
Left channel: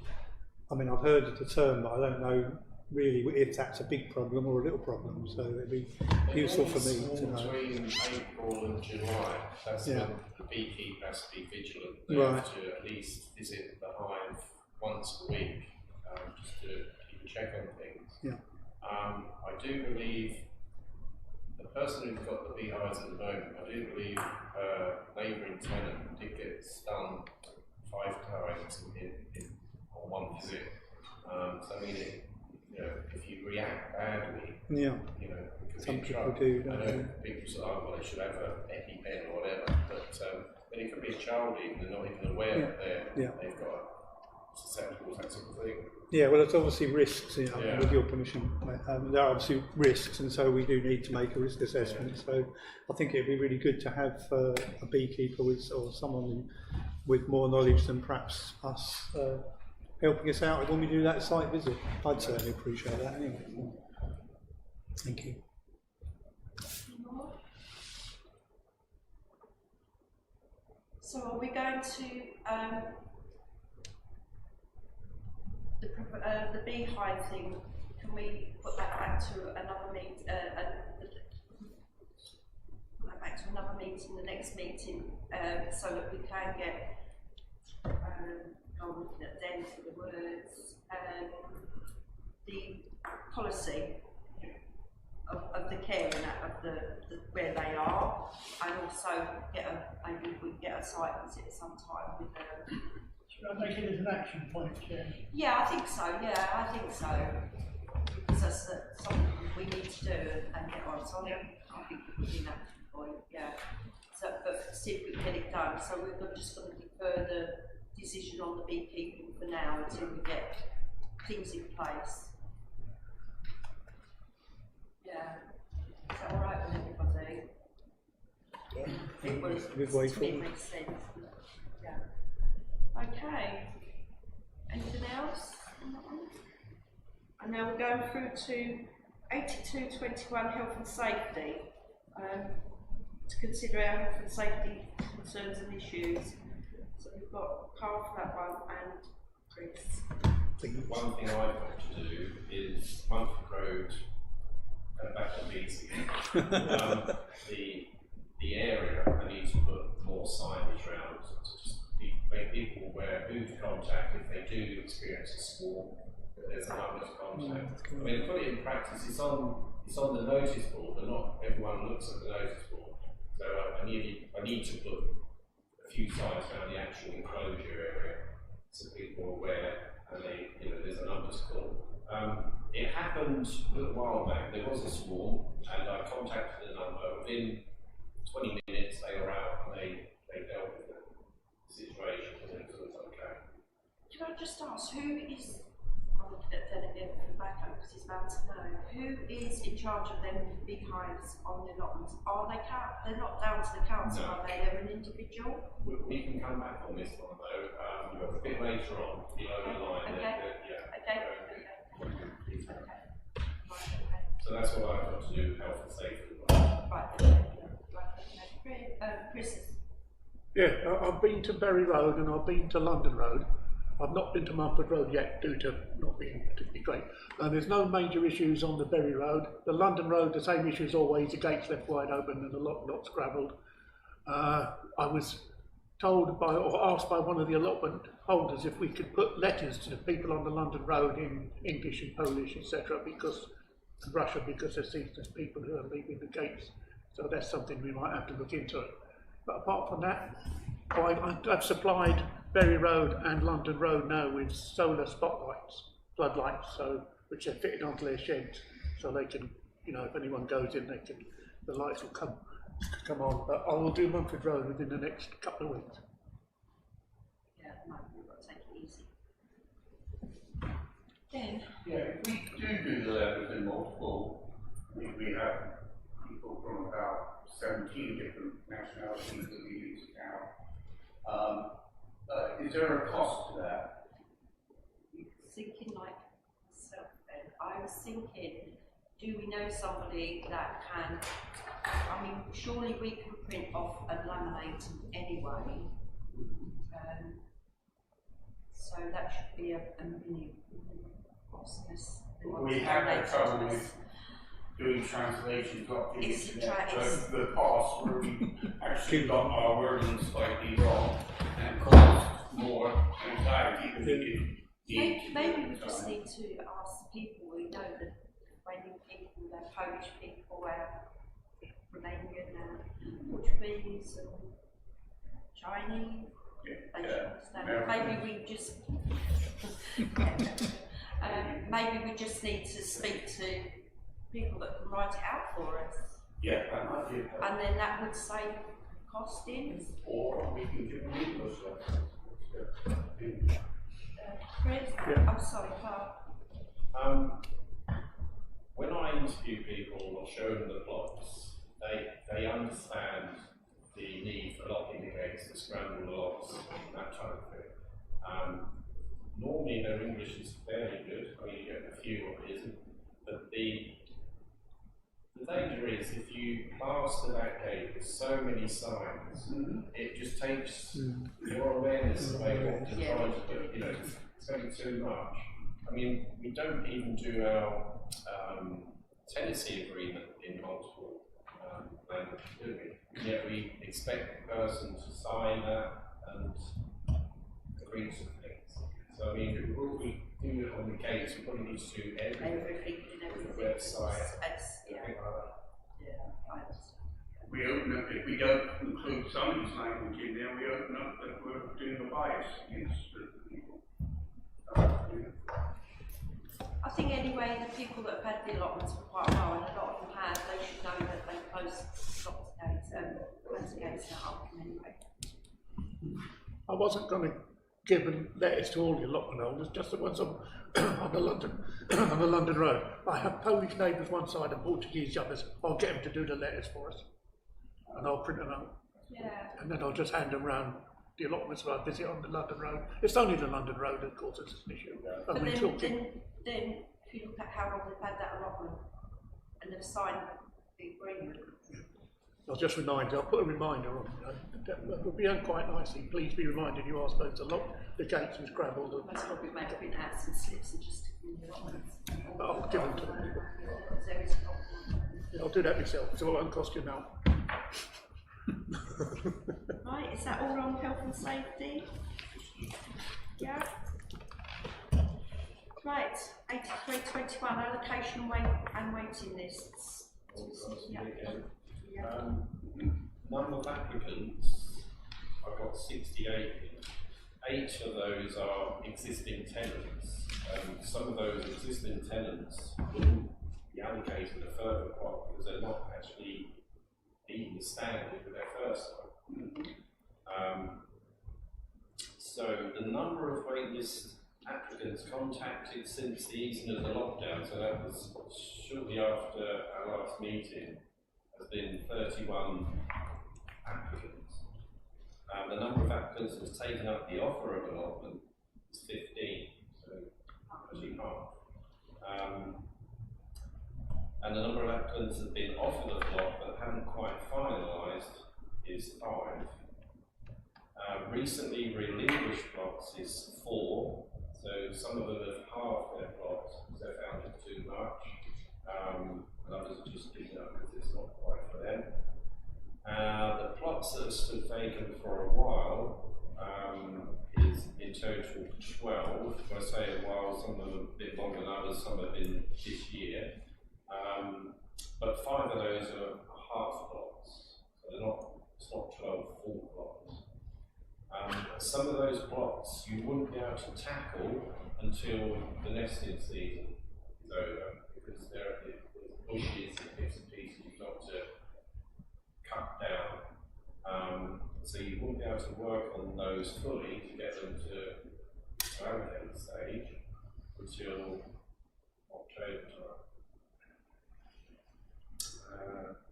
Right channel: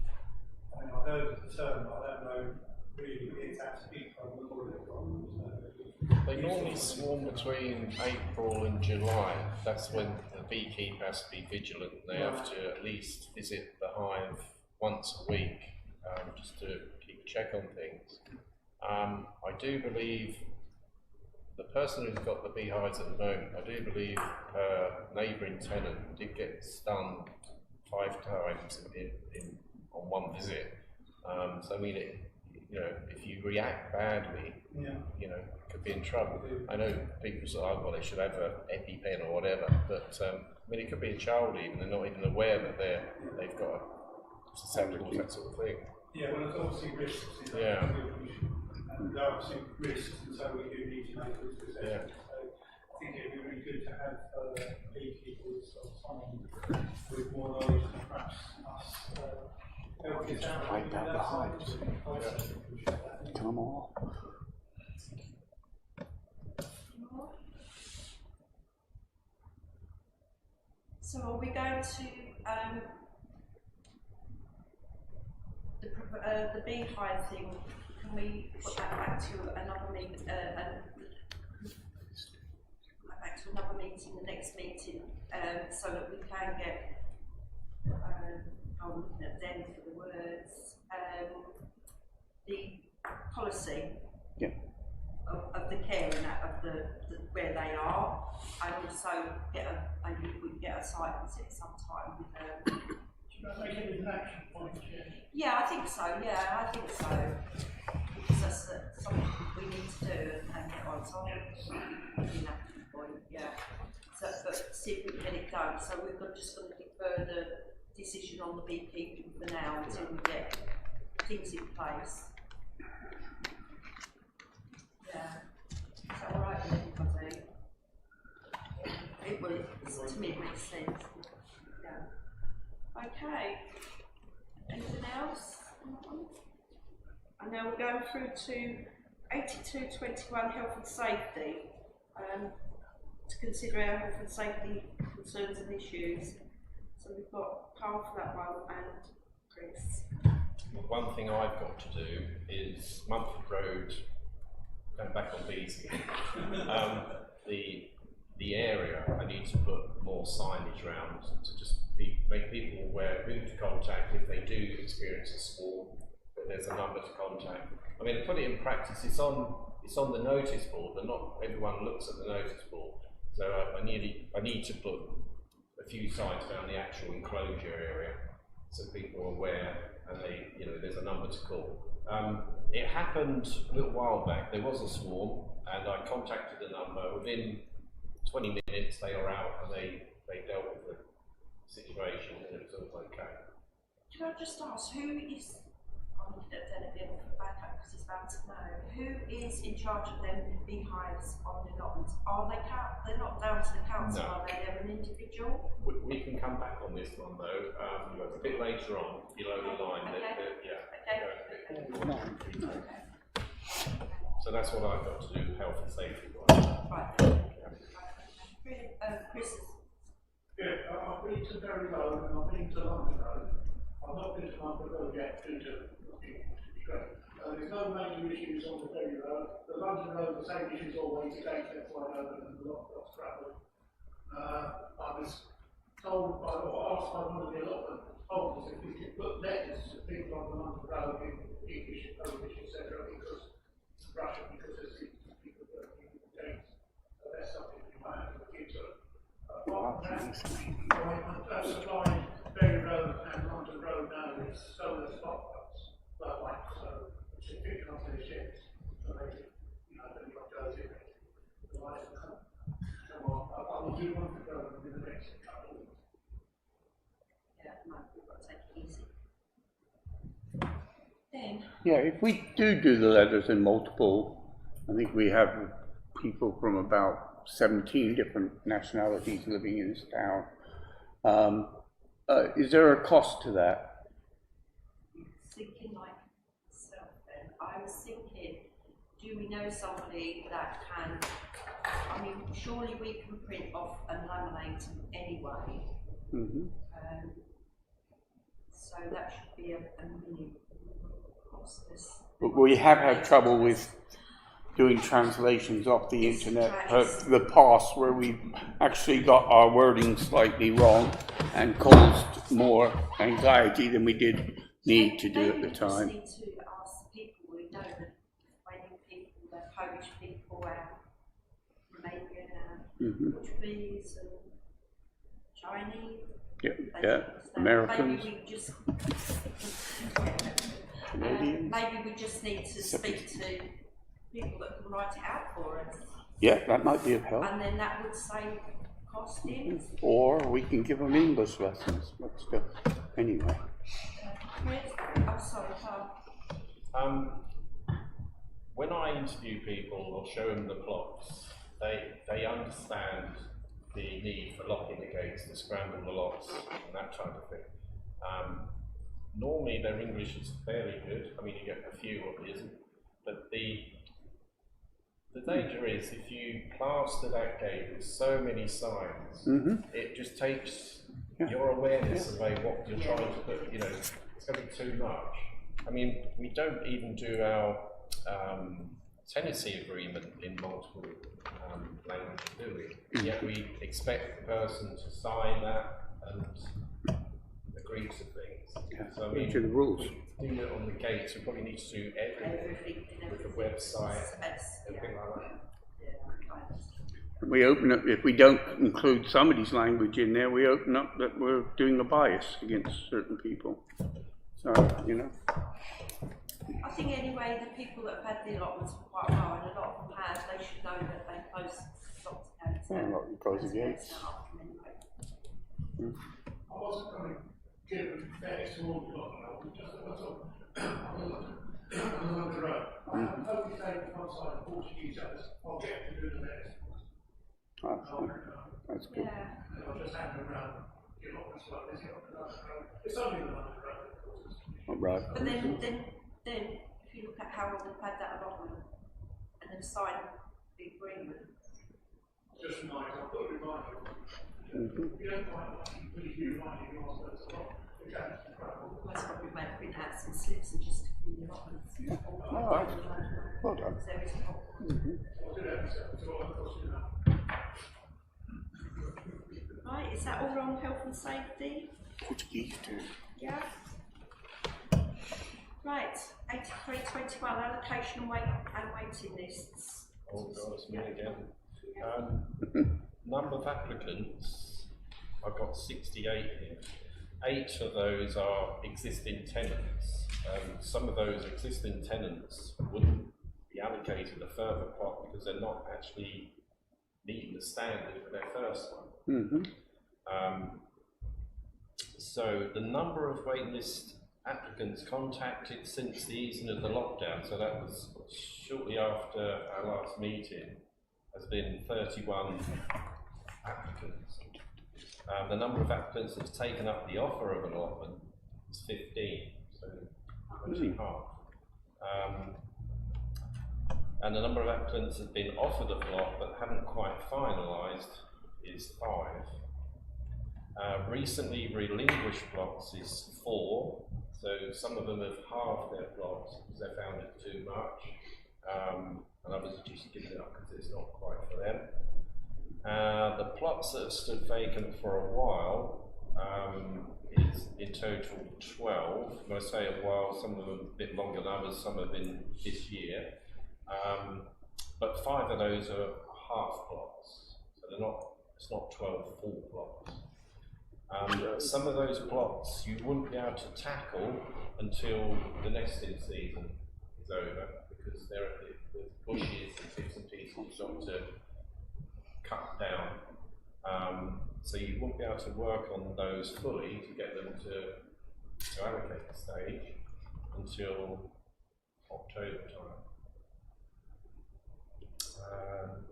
I mean, I've heard the term, but I don't know really if that's a big problem or a little problem, so it'd be useful for me swarm to know. between April and July. That's when the beekeeper has to be vigilant. They have to at least visit the hive once a week, just to keep a check on things. I do believe the person who's got the beehives at the moment, I do believe her neighbouring tenant did get stung 5 times on one visit. So I mean, if you react badly, you could be in trouble. I know people say, oh, well, they should have an EpiPen or whatever, but I mean, it could be a child even, they're not even aware that they've got susceptible to that sort of thing. Yeah, well, it's obviously risks, with your permission. There are obviously risks, and so we do need to make a risk assessment. So I think it'd be really good to have a beekeeper or someone with more knowledge than perhaps us helping us out when we do that site visit. I'd certainly appreciate that. Anyway. Thank you. So are we going to the beehive thing? Can we put that back to another meeting? The next meeting, so that we can get. I'm looking at them for the words. The policy of the care and of the where they are, and also maybe we can get a site visit sometime with them. Should I make it as an action point, Chair? Yeah, I think so. Yeah, I think so. Because that's something we need to do and get on. So I think it would be an action point. Yeah. So, but see if we can get it done. So we're just going to defer the decision on the beekeeping for now until we get things in place. Yeah. Is that all right with everybody? To me it makes sense. Yeah. Okay. Anything else on that one? And now we're going through to 8221 health and safety. To consider our health and safety concerns and issues. So we've got Carl for that one and Chris. One thing I've got to do is Mumford Road, going back on these again, the area, I need to put more signage around to just make people aware who to contact if they do experience a swarm, that there's a number to contact. I mean, to put it in practice, it's on the notice board, but not everyone looks at the notice board. So I need to put a few signs around the actual enclosure area so people are aware and there's a number to call. It happened a little while back. There was a swarm, and I contacted the number. Within 20 minutes, they were out and they dealt with the situation, and it was all okay. Can I just ask, who is? I I'm looking at Delegate for backup because he's about to know. Who is in charge of them big hires on the allotments? Are they they're not down to the council, No. are they? They're an individual? We can come back on this one though, a bit later on, below the line. Okay. So that's what I've got to do, health and safety wise. Right. Chris. Yeah, I've been to Bury Road and I've been to London Road. I've not been to Mumford Road yet due to not being particularly great. There's no major issues on the Bury Road. The London Road, the same issue as always, the gates left wide open and the lot's gravelled. I was told by, or asked by one of the allotment holders if we could put letters to the people on the London Road in English and Polish, etc., because Russian, because there's people who are leaving the gates. So that's something we might have to look into. But apart from that, I've supplied Bury Road and London Road now with solar spotlights, floodlights, which are fitted onto their sheds, so they can, if anyone goes in, the lights will come on. But I will do Mumford Road within the next couple of weeks. Yeah, no, we've got to take it easy. Then. Yeah, if we do the letters in multiple, I think we have people from about 17 different nationalities living in this town. Is there a cost to that? Thinking like myself then, I was thinking, do we know somebody that can, surely we can print off and laminate them anyway. So that should be a mini cost. But we have had trouble with doing translations off the internet, the past, where we actually got our wording slightly wrong and caused more anxiety than we did need to do at the time. Maybe we just need to ask people we know, the Romanian people, the Polish people, Romanian, Portuguese, and Chinese. Americans. Maybe we just maybe we just need to speak to people that can write it out for us. Yeah, that might be of help. And then that would save costings. Or we can give them English lessons. Let's go. Anyway. Chris? Yeah. I'm sorry, Carl. When I interview people or show them the plots, they understand the need for locking the gates, to scramble the locks, and that kind of thing. Normally their English is fairly good. You get a few what isn't, but the danger is if you plaster that gate with so many signs, it just takes your awareness away what you're trying to put. It's going to be too much. We don't even do our tenancy agreement in multiple languages, do we? Yet we expect the person to sign that and agree to things. So the rules. We do it on the gates. We probably need to do everything with the website, everything like that. Yeah, We open up, if we don't include somebody's language in there, we open up that we're doing a bias against certain people. So, I think anyway, the people that have had the allotments for quite a while, and a lot of them have, they should know that they close lots of gates up anyway. I wasn't going to give letters to all the allotment holders, just the ones on the London Road. I have Polish neighbours one side and Portuguese the others. I'll get them to do the letters for us. And I'll print them out. And then I'll just hand them round the allotments where I visit on the London Road. It's only the London Road, of course, it's an issue. Right. But then, if you look at how long they've had that allotment and they've signed the agreement. I'll just remind you, I'll put a reminder on. It would be quite nicely. Please be reminded you are supposed to lock the gates with gravel. Most probably made print out some slips and just in the allotments. I'll do that myself, so it won't cost you now. Right, is that all on health and safety? Yeah. Right, 8321 allocation and waiting lists. Oh God, it's me again. Number of applicants, I've got 68 here. 8 of those are existing tenants. Some of those existing tenants wouldn't be allocated a further pot because they're not actually meeting the standard for their first one. So the number of waitlist applicants contacted since the easing of the lockdown, so that was shortly after our last meeting, has been 31 applicants. The number of applicants that's taken up the offer of allotment is 15, so actually half. And the number of applicants that have been offered a plot but haven't quite finalised is 5. Recently relinquished plots is 4, so some of them have halved their plots because they found it too much, and others are just giving it up because it's not quite for them. The plots that have stood vacant for a while is in total 12. When I say a while, some of them have been longer than others, some have been this year. But 5 of those are half plots, so it's not 12 full plots. Some of those plots you wouldn't be able to tackle until the nesting season is over, because there's bushes and bits and pieces you've got to cut down. So you wouldn't be able to work on those fully to get them to allocate stage until October time.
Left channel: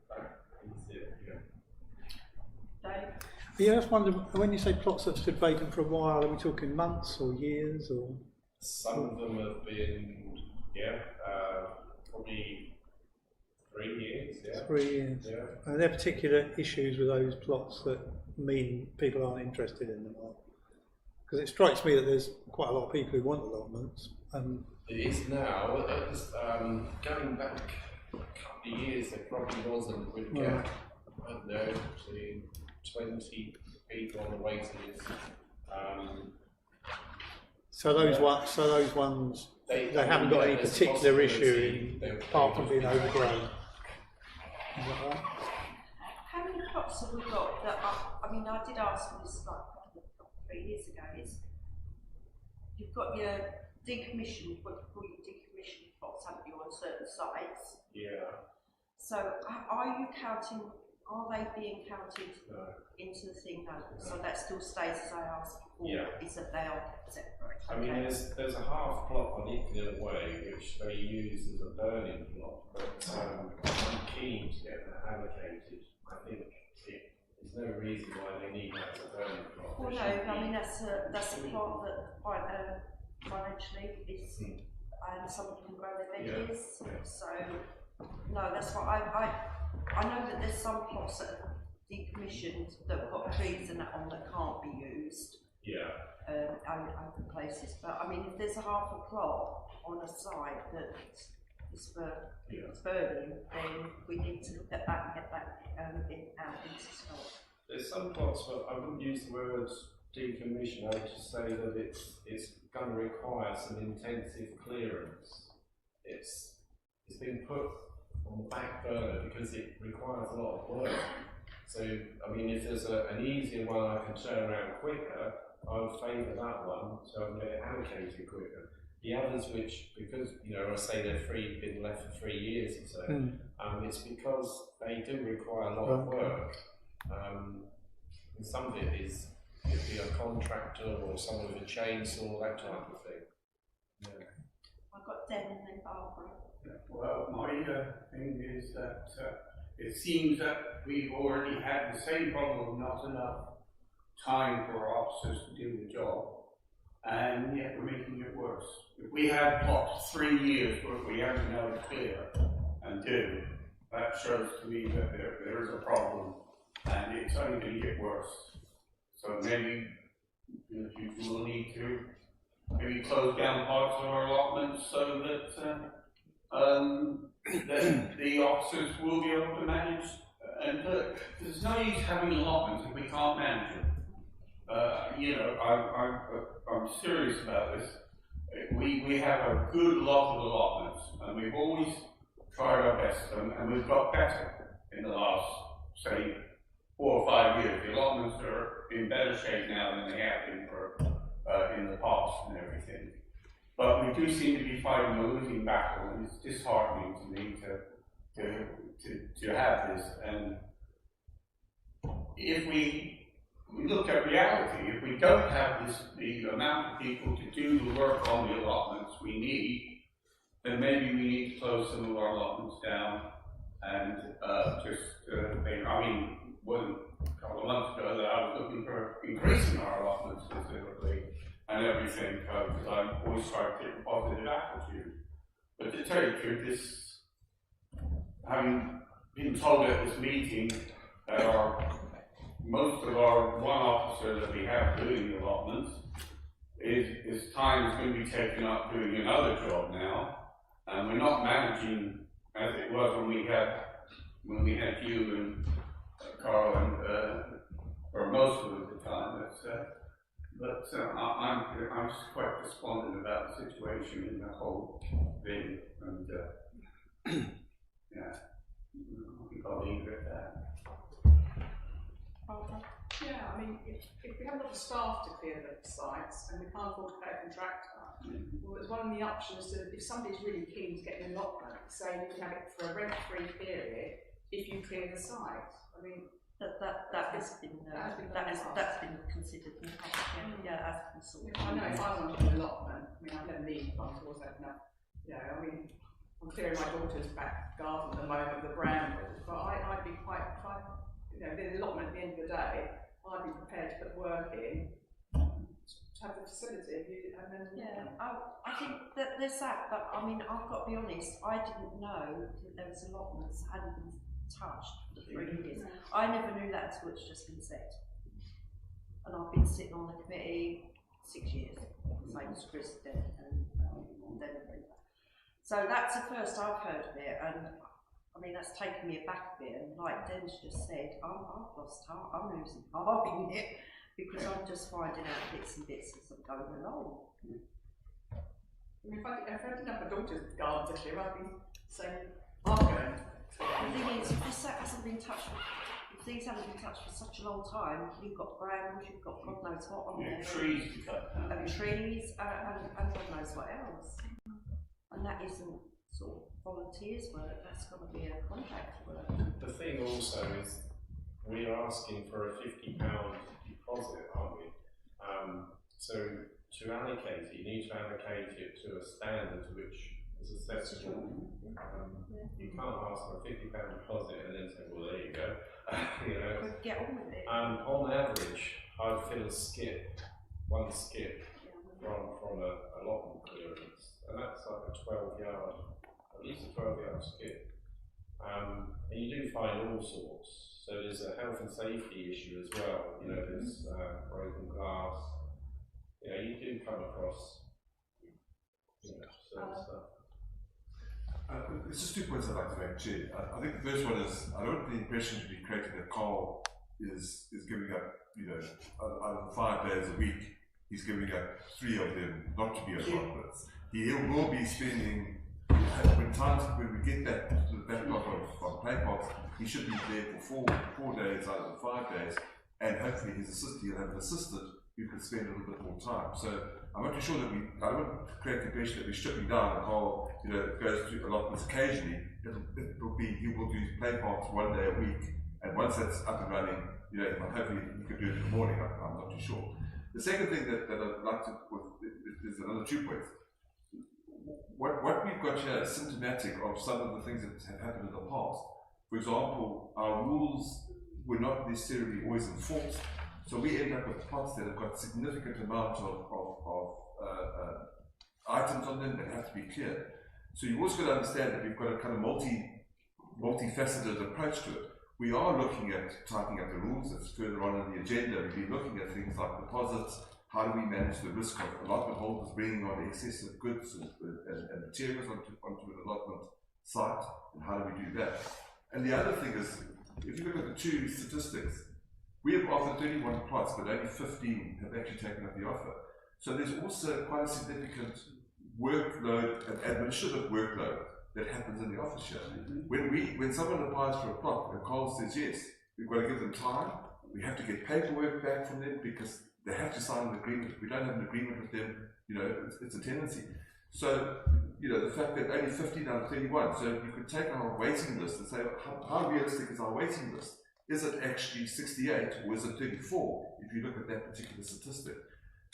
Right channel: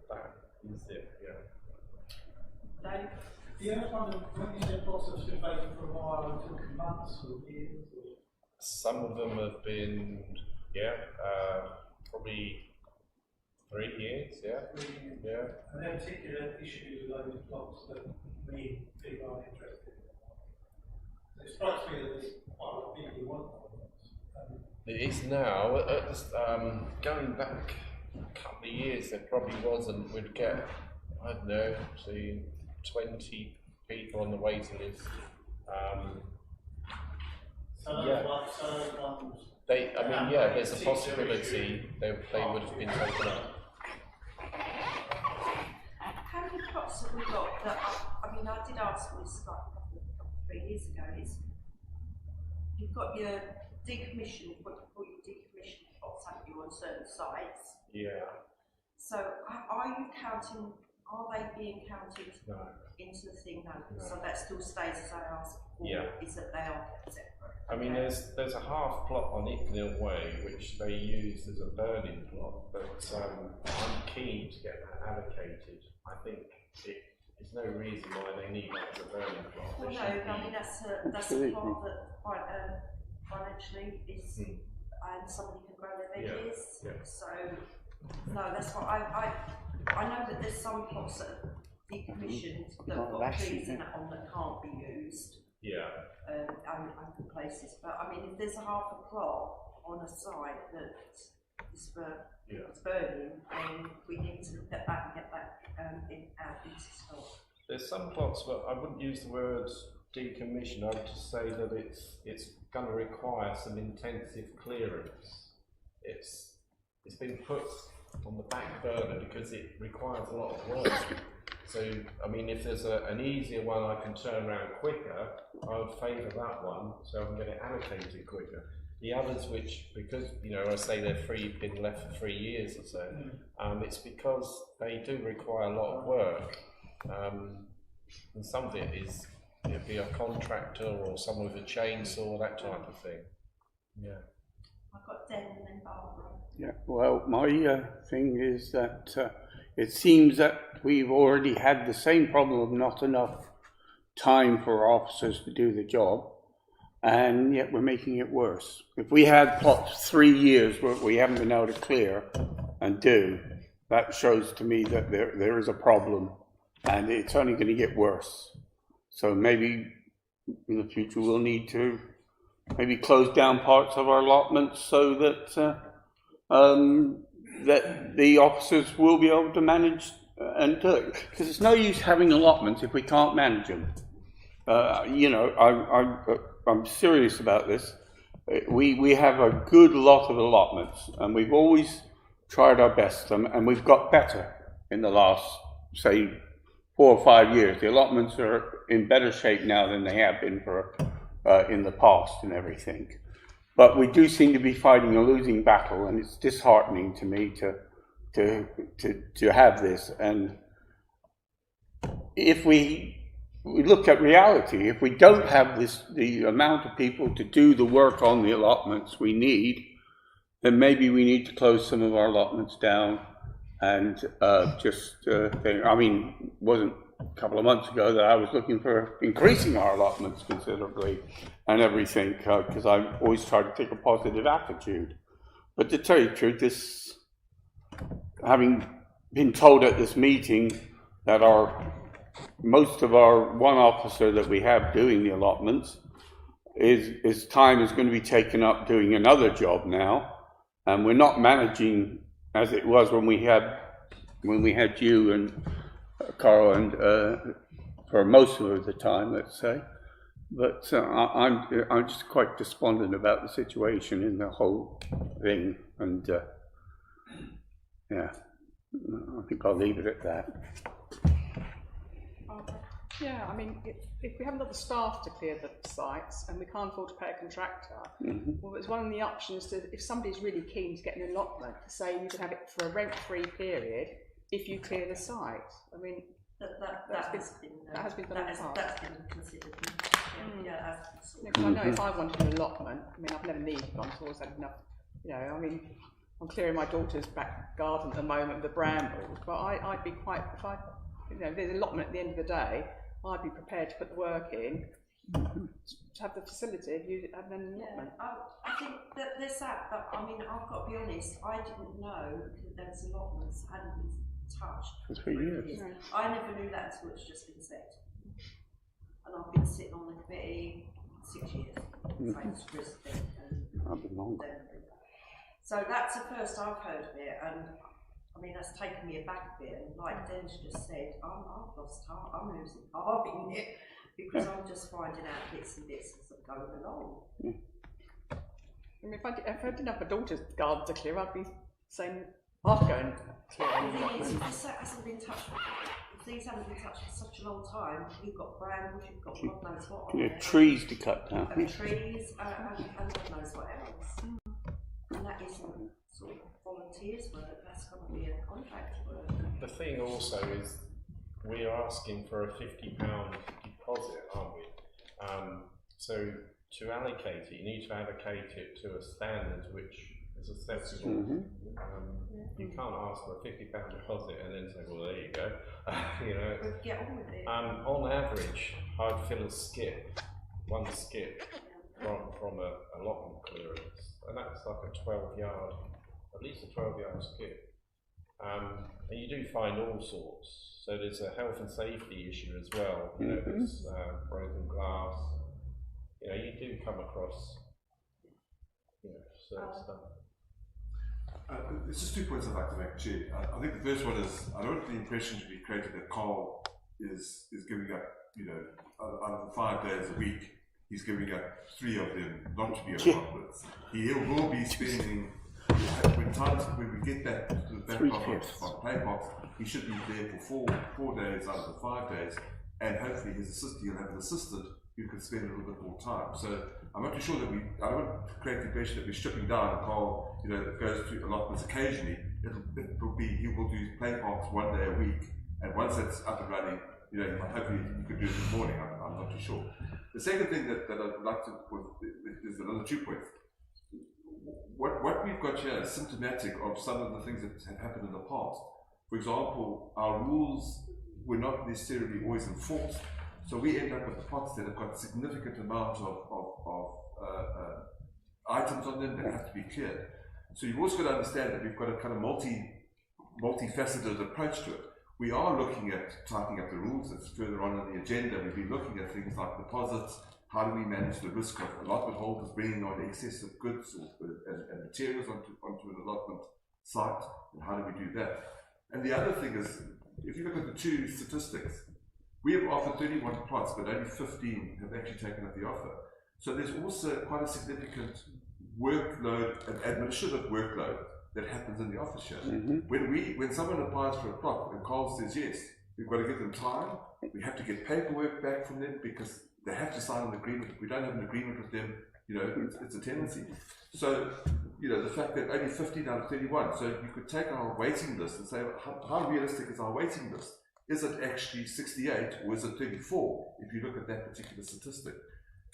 That is it, yeah. Dave? Yeah, I was wondering, when you say plots have stood vacant for a while, are we talking months or years or? Some of them have been, probably 3 years, yeah. 3 years. Yeah. Are there particular issues with those plots that mean people aren't interested in them? Because it strikes me that there's quite a lot of people who want allotments. It is now. Going back a couple of years, there probably wasn't. We'd get, I don't know, between 20 people on the waiting list. So those ones, they haven't got any there's a particular issue possibility they apart from would being be overgrown. How many plots have we got that I mean, I did ask this like 3 years ago, is you've got your decommissioned, what you call your decommissioned plots, haven't you, on certain sites? Yeah. So are they being counted into the thing? No. So that still stays as I asked before, is that they are separate. I mean, there's a half plot on Icknill Way which they use as a burning plot, but I'm keen to get that allocated. I think there's no reason why they need that as a burning plot. Well, no, I mean that's a plot that financially is, and somebody can grow their veggies. Yeah. So no, that's what I know that there's some plots that are decommissioned that have got trees and that on that can't be used. Yeah. Open places, but I mean, if there's a half a plot on a site that is it's burning, then we need to look at that and get that out into stock. There's some plots, but I wouldn't use the word decommission. I would just say that it's going to require some intensive clearance. It's been put on the back burner because it requires a lot of work. So, I mean, if there's an easier one I can turn around quicker, I would favour that one so I can get it allocated quicker. The others, which, because, I say they're been left for 3 years or so, it's because they do require a lot of work. And some of it'd be a contractor or someone with a chainsaw, that type of thing. Yeah. I've got Den and then Barbara. Yeah, well, my thing is that it seems that we've already had the same problem of not enough time for officers to do the job, and yet we're making it worse. If we had plots 3 years where we haven't been able to clear and do, that shows to me that there is a problem, and it's only going to get worse. So maybe in the future we'll need to maybe close down parts of our allotments so that that the officers will be able to manage and do it. Because it's no use having allotments if we can't manage them. I'm serious about this. We have a good lot of allotments, and we've always tried our best, and we've got better in the last, say, 4 or 5 years. The allotments are in better shape now than they have been in the past and everything. But we do seem to be fighting a losing battle, and it's disheartening to me to have this. And if we we look at reality. If we don't have the amount of people to do the work on the allotments we need, then maybe we need to close some of our allotments down and think. I mean, it wasn't a couple of months ago that I was looking for increasing our allotments considerably and everything, because I always try to take a positive attitude. But to tell you the truth, having been told at this meeting that most of our one officer that we have doing the allotments his time is going to be taken up doing another job now, and we're not managing as it was when we had you and Carl and for most of the time, let's say. But I'm just quite despondent about the situation in the whole thing, and yeah, I think I'll leave it at that. Yeah, I mean, if we haven't got the staff to clear the sites and we can't afford to pay a contractor, well, it's one of the options to, if somebody's really keen to get an allotment, to say you can have it for a rent-free period if you clear the site. I mean, that has been considered. I know if I wanted an allotment, I mean, I've never needed one, so I've always had enough. You know, I mean, I'm clearing my daughter's back garden at the moment with the brambles, but I'd be quite, if I, you know, there's an allotment at the end of the day, I'd be prepared to put the work in to have the facility, use it, and then. Yeah, I think that there's that, but I mean, I've got to be honest, I didn't know that there was allotments that hadn't been touched for 3 years. No. I never knew that until it's just been said. And I've been sitting on the committee 6 years, same as president and so that's the first I've heard of it, and I mean that's taken me aback a bit, and like Den's just said, I've lost heart, I'm losing heart in it, because I'm just finding out bits and bits as I'm going along. I mean, if I didn't have my daughter's garden to clear, I'd be saying, I'm going to clear. The thing is, if this hasn't been touched, if these haven't been touched for such a long time, you've got brambles, you've got God knows what on there. Trees to cut down. And trees, and God knows what else. And that isn't sort of volunteers work, that's going to be a contract work. The thing also is, we're asking for a £50 deposit, aren't we? So to allocate it, you need to allocate it to a standard which is accessible. You can't ask for a £50 deposit and then say, well, there you go. You know, but get on with it. On average, I'd fill a skip, one skip, from a allotment clearance, and that's like a 12-yard, at least a 12-yard skip. And you do find all sorts. So there's a health and safety issue as well. You know, there's broken glass. You know, you do come across, you know, certain stuff. There's just 2 points I'd like to make, Chair. I think the first one is, I don't want the impression to be created that Carl is giving up, you know, out of the 5 days a week, he's giving up 3 of them not to be allotments. He will be spending, when we get that from play box, he should be there for 4 days out of the 5 days, and hopefully he'll have an assistant who can spend a little bit more time. So I'm not too sure that I don't want to create the impression that we're stripping down and Carl, you know, goes to allotments occasionally. He will do play parks 1 day a week, and once that's up and running, you know, hopefully he could do it in the morning. I'm not too sure. The second thing that I'd like to put is another 2 points. What we've got here is symptomatic of some of the things that have happened in the past. For example, our rules were not necessarily always enforced, so we end up with pots that have got significant amount of items on them that have to be cleared. So you've also got to understand that we've got a kind of multifaceted approach to it. We are looking at tightening up the rules. It's further on the agenda. We've been looking at things like deposits. How do we manage the risk of allotment holders bringing on excess of goods and materials onto an allotment site, and how do we do that? And the other thing is, if you look at the 2 statistics, we have offered 31 plots, but only 15 have actually taken up the offer. So there's also quite a significant workload, an administrative workload that happens in the office here. When someone applies for a plot and Carl says yes, we've got to give them time. We have to get paperwork back from them because they have to sign an agreement. If we don't have an agreement with them, you know, it's a tendency. So, you know, the fact that only 15 out of 31, so you could take our waiting list and say, how realistic is our waiting list? is it actually 68 or is it 34, if you look at that particular statistic?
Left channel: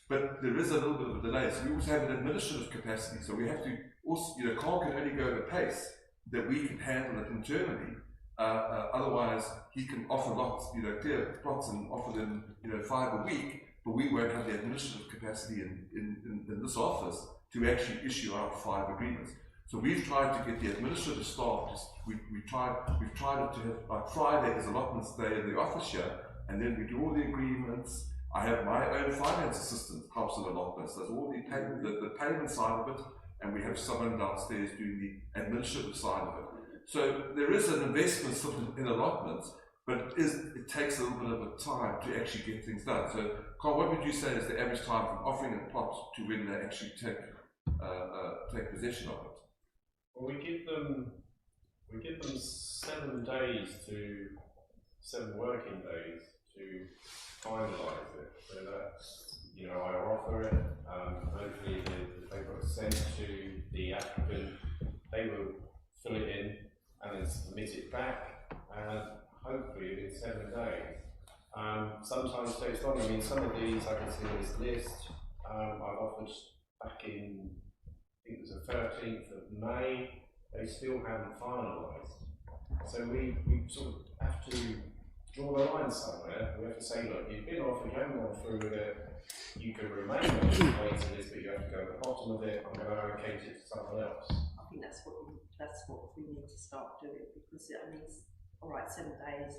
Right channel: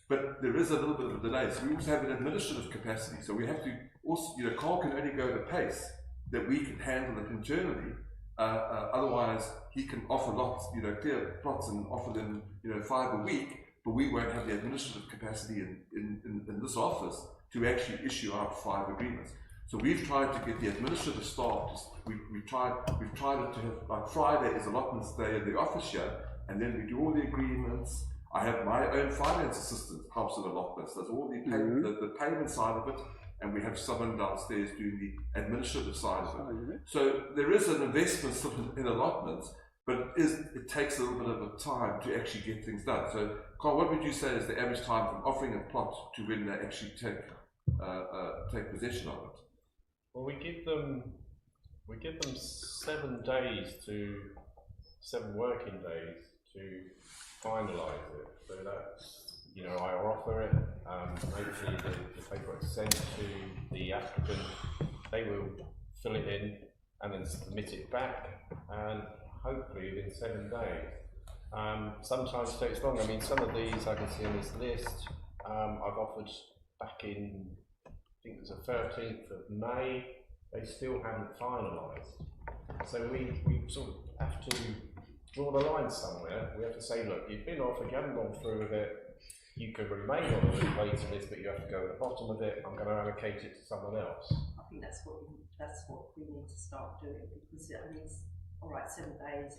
But there is a little bit of a delay. So we also have an administrative capacity. So we have to also, Carl can only go at a pace that we can handle it internally. Otherwise, he can offer lots, clear plots and offer them, 5 a week, but we won't have the administrative capacity in this office to actually issue out 5 agreements. So we've tried to get the administrative staff, we've tried to have, like Friday is allotments day in the office here, and then we do all the agreements. I have my own finance assistant helps with allotments, does all the payment, the payment side of it, and we have someone downstairs doing the administrative side of it. So there is an investment sort of in allotments, but it takes a little bit of a time to actually get things done. So Carl, what would you say is the average time from offering a plot to when they actually take possession of it? Well, we give them 7 days to 7 working days to finalise it. So that's, I offer it, hopefully the paper is sent to the applicant, they will fill it in and then submit it back, and hopefully within 7 days. Sometimes it takes longer. I mean, some of these I can see on this list, I've offered back in, I think it was the 13th of May, they still haven't finalised. So we sort of have to draw the line somewhere. We have to say, look, you've been offered, you haven't gone through with it, you can remain on the waiting list, but you have to go at the bottom of it. I'm going to allocate it to someone else. I think that's what we need to start doing, because it's all right, 7 days.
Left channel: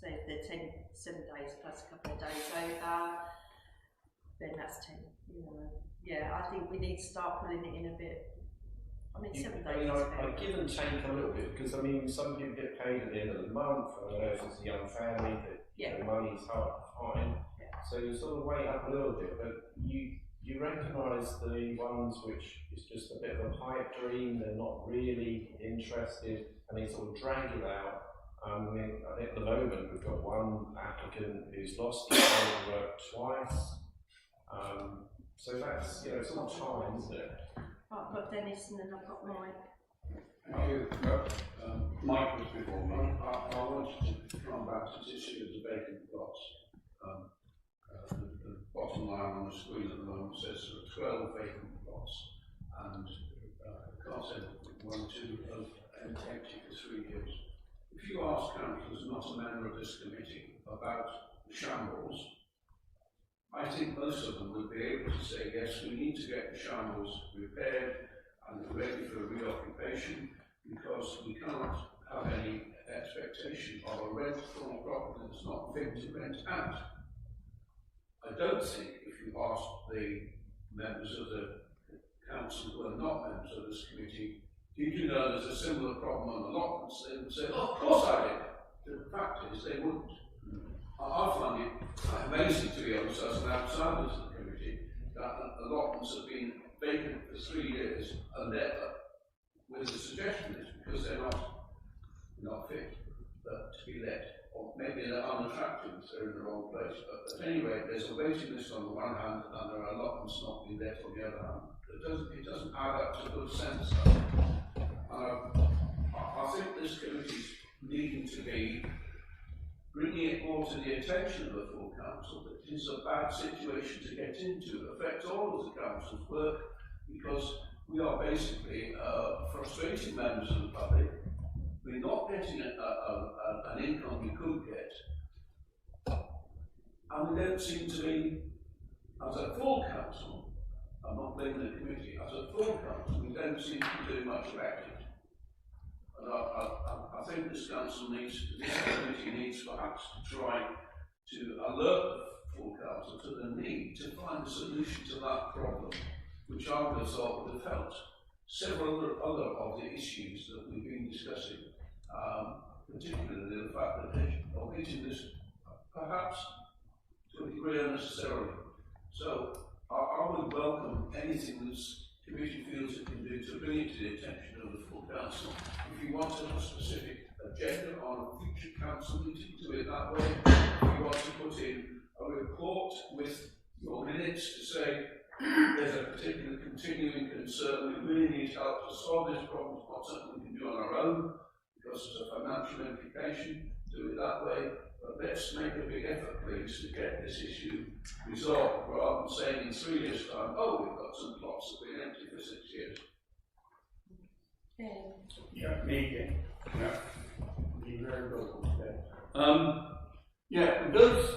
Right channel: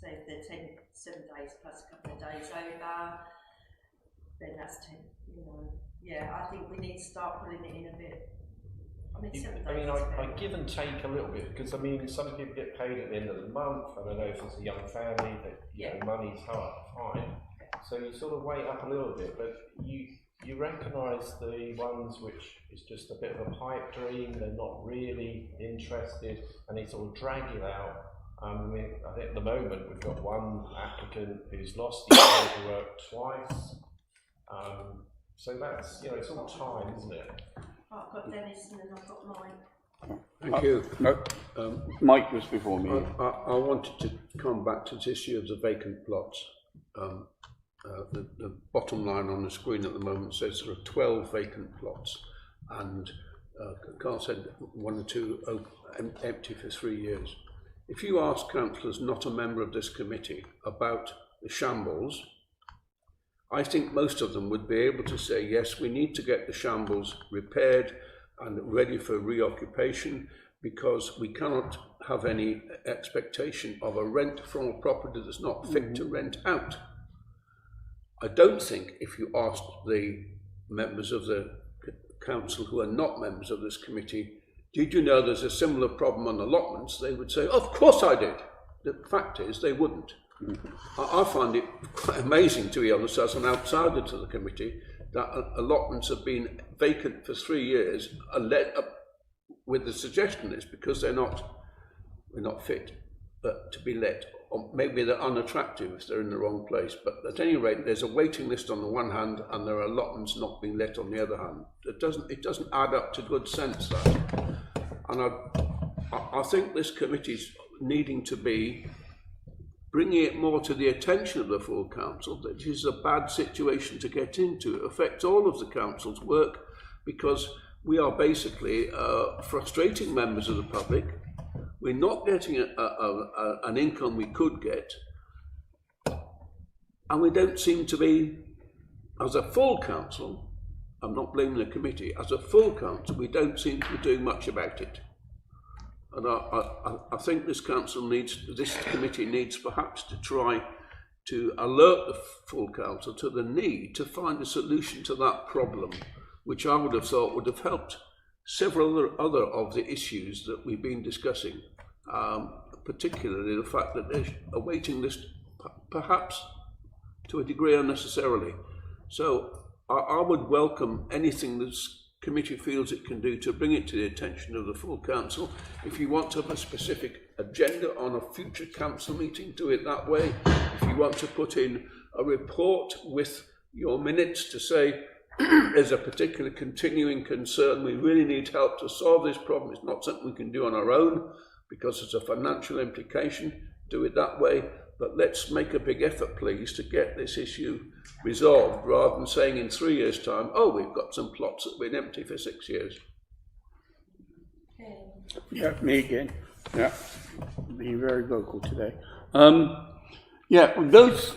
So if they're 7 days plus a couple of days over, then that's 10. Yeah, I think we need to start pulling it in a bit. 7 days. I give and take a little bit, because some people get paid at the end of the month, and I know if it's a young family that money's hard to find. So you sort of wait up a little bit, but you recognise the ones which is just a bit of a pipe dream, they're not really interested, and they sort of drag it out. I think at the moment we've got one applicant who's lost his paperwork twice. So that's, it's all time, isn't it? I've got Dennis and then I've got Mike. Thank you. Mike was before me. I wanted to come back to this issue of the vacant plots. The bottom line on the screen at the moment says there are 12 vacant plots, and Carl said 1 or 2 empty for 3 years. If you ask councillors not a member of this committee about the shambles, I think most of them would be able to say, yes, we need to get the shambles repaired and ready for reoccupation, because we cannot have any expectation of a rent from a property that's not fit to rent out. I don't think if you asked the members of the council who are not members of this committee, did you know there's a similar problem on allotments, they would say, of course I did. The fact is they wouldn't. I find it quite amazing, to be honest, as an outsider to the committee, that allotments have been vacant for 3 years and let up with the suggestion is because they're not fit to be let, or maybe they're unattractive if they're in the wrong place. But at any rate, there's a waiting list on the one hand, and there are allotments not being let on the other hand. It doesn't add up to good sense, that. And I think this committee's needing to be bringing it more to the attention of the full council that it is a bad situation to get into. It affects all of the council's work, because we are basically frustrating members of the public. We're not getting an income we could get, and we don't seem to be, as a full council, I'm not blaming the committee, as a full council, we don't seem to be doing much about it. And I think this committee needs perhaps to try to alert the full council to the need to find a solution to that problem, which I would have thought would have helped several other of the issues that we've been discussing, particularly the fact that there's a waiting list, perhaps to a degree unnecessarily. So I would welcome anything this committee feels it can do to bring it to the attention of the full council. If you want to have a specific agenda on a future council meeting, do it that way. If you want to put in a report with your minutes to say there's a particular continuing concern, we really need help to solve this problem, it's not something we can do on our own because there's a financial implication, do it that way. But let's make a big effort, please, to get this issue resolved, rather than saying in 3 years' time, oh, we've got some plots that have been empty for 6 years. Yeah, me again. Yeah, being very vocal today. Yeah, those.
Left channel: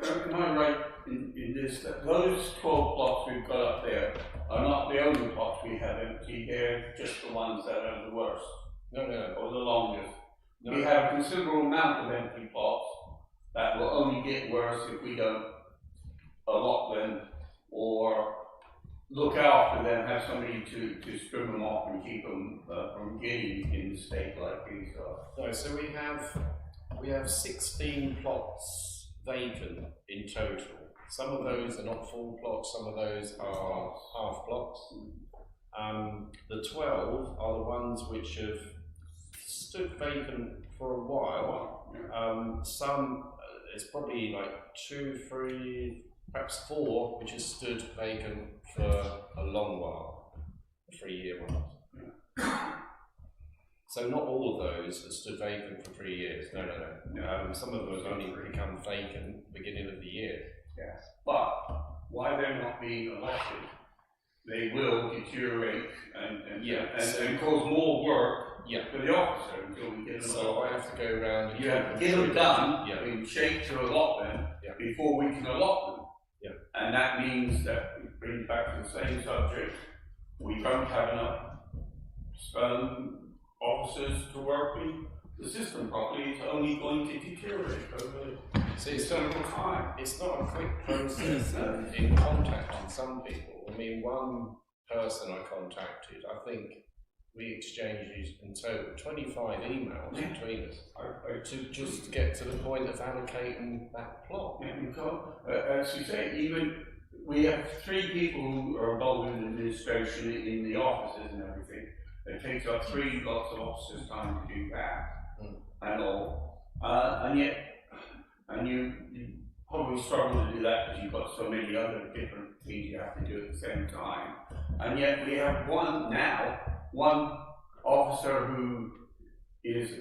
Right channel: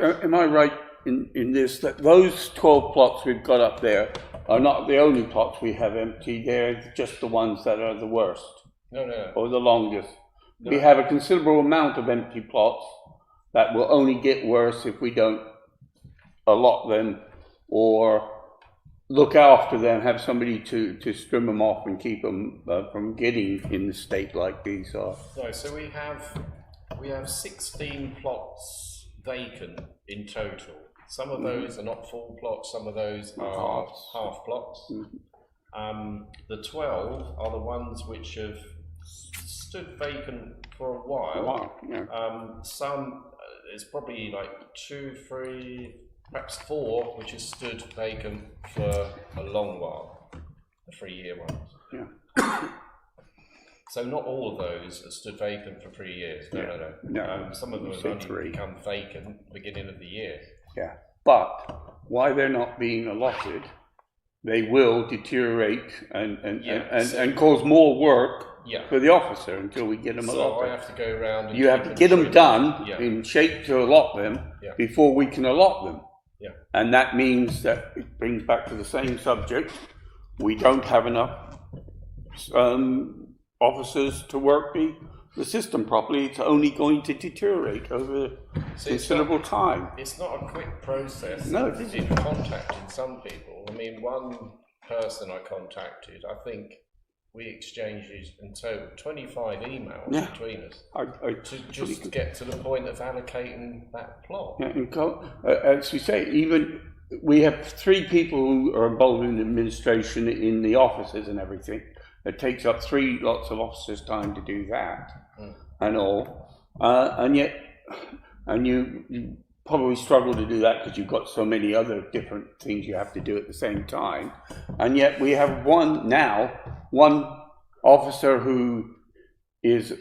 Am I right in this that those 12 plots we've got up there are not the only plots we have empty? They're just the ones that are the worst. No, no. Or the longest. No. We have a considerable amount of empty plots that will only get worse if we don't allot them or look after them, have somebody to trim them off and keep them from getting in the state like these are. No, so we have 16 plots vacant in total. Some of those are not full plots, some of those are half plots. The 12 are the ones which have stood vacant for a while. Some, there's probably like 2, 3, perhaps 4, which has stood vacant for a long while, the 3-year ones. Yeah. So not all of those have stood vacant for 3 years. No. Some of them have only become vacant beginning of the year. Yeah, but why they're not being allotted, they will deteriorate and cause more work for the officer until we get them allotted. So I have to go around and you have to get them done in shape to allot them before we can allot them. Yeah. And that means that it brings back to the same subject. We don't have enough officers to work the system properly. It's only going to deteriorate over considerable time. It's not a quick process in contacting some people. I mean, one person I contacted, I think we exchanged in total 25 emails between us to just get to the point of allocating that plot. Yeah, and as you say, even we have 3 people who are involved in administration in the offices and everything. It takes up 3 lots of officers' time to do that and all, and yet, you probably struggle to do that because you've got so many other different things you have to do at the same time, and yet we have one officer who is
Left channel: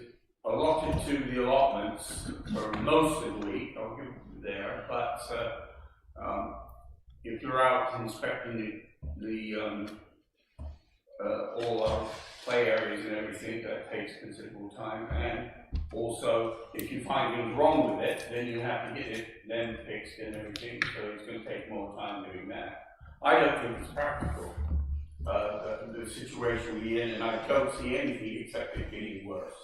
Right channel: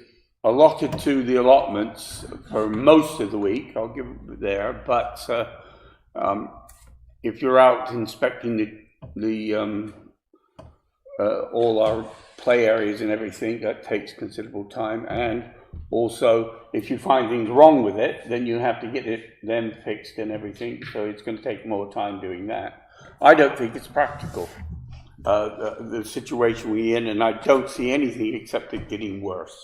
allotted to the allotments for most of the week. I'll give it there, but if you're out inspecting all our play areas and everything, that takes considerable time, and also if you find things wrong with it, then you have to get it then fixed and everything, so it's going to take more time doing that. I don't think it's practical, the situation we're in, and I don't see anything except it getting worse.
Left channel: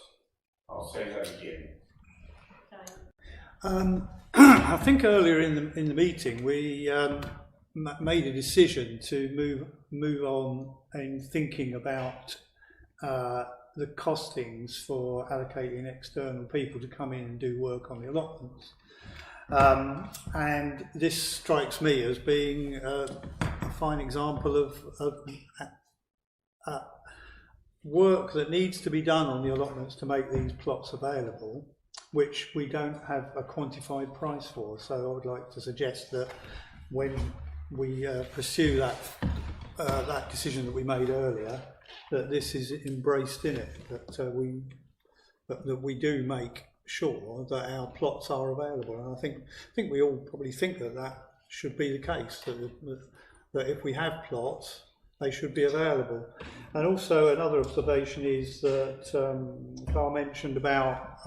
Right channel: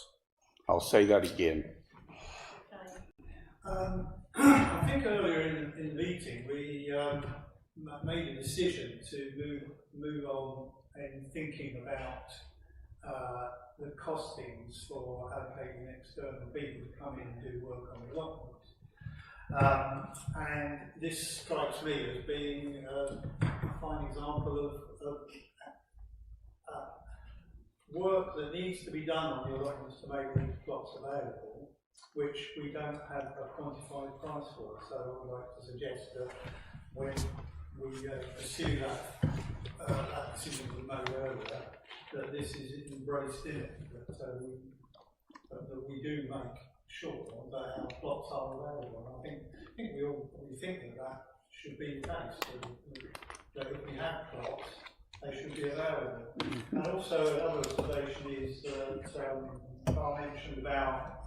I'll say that again. I think earlier in the meeting we made a decision to move on in thinking about the costings for allocating external people to come in and do work on the allotments. And this strikes me as being a fine example of work that needs to be done on the allotments to make these plots available, which we don't have a quantified price for. So I would like to suggest that when we pursue that decision that we made earlier, that this is embraced in it, that we do make sure that our plots are available. And I think we all probably think that should be the case, that if we have plots, they should be available. And also another observation is that Carl mentioned about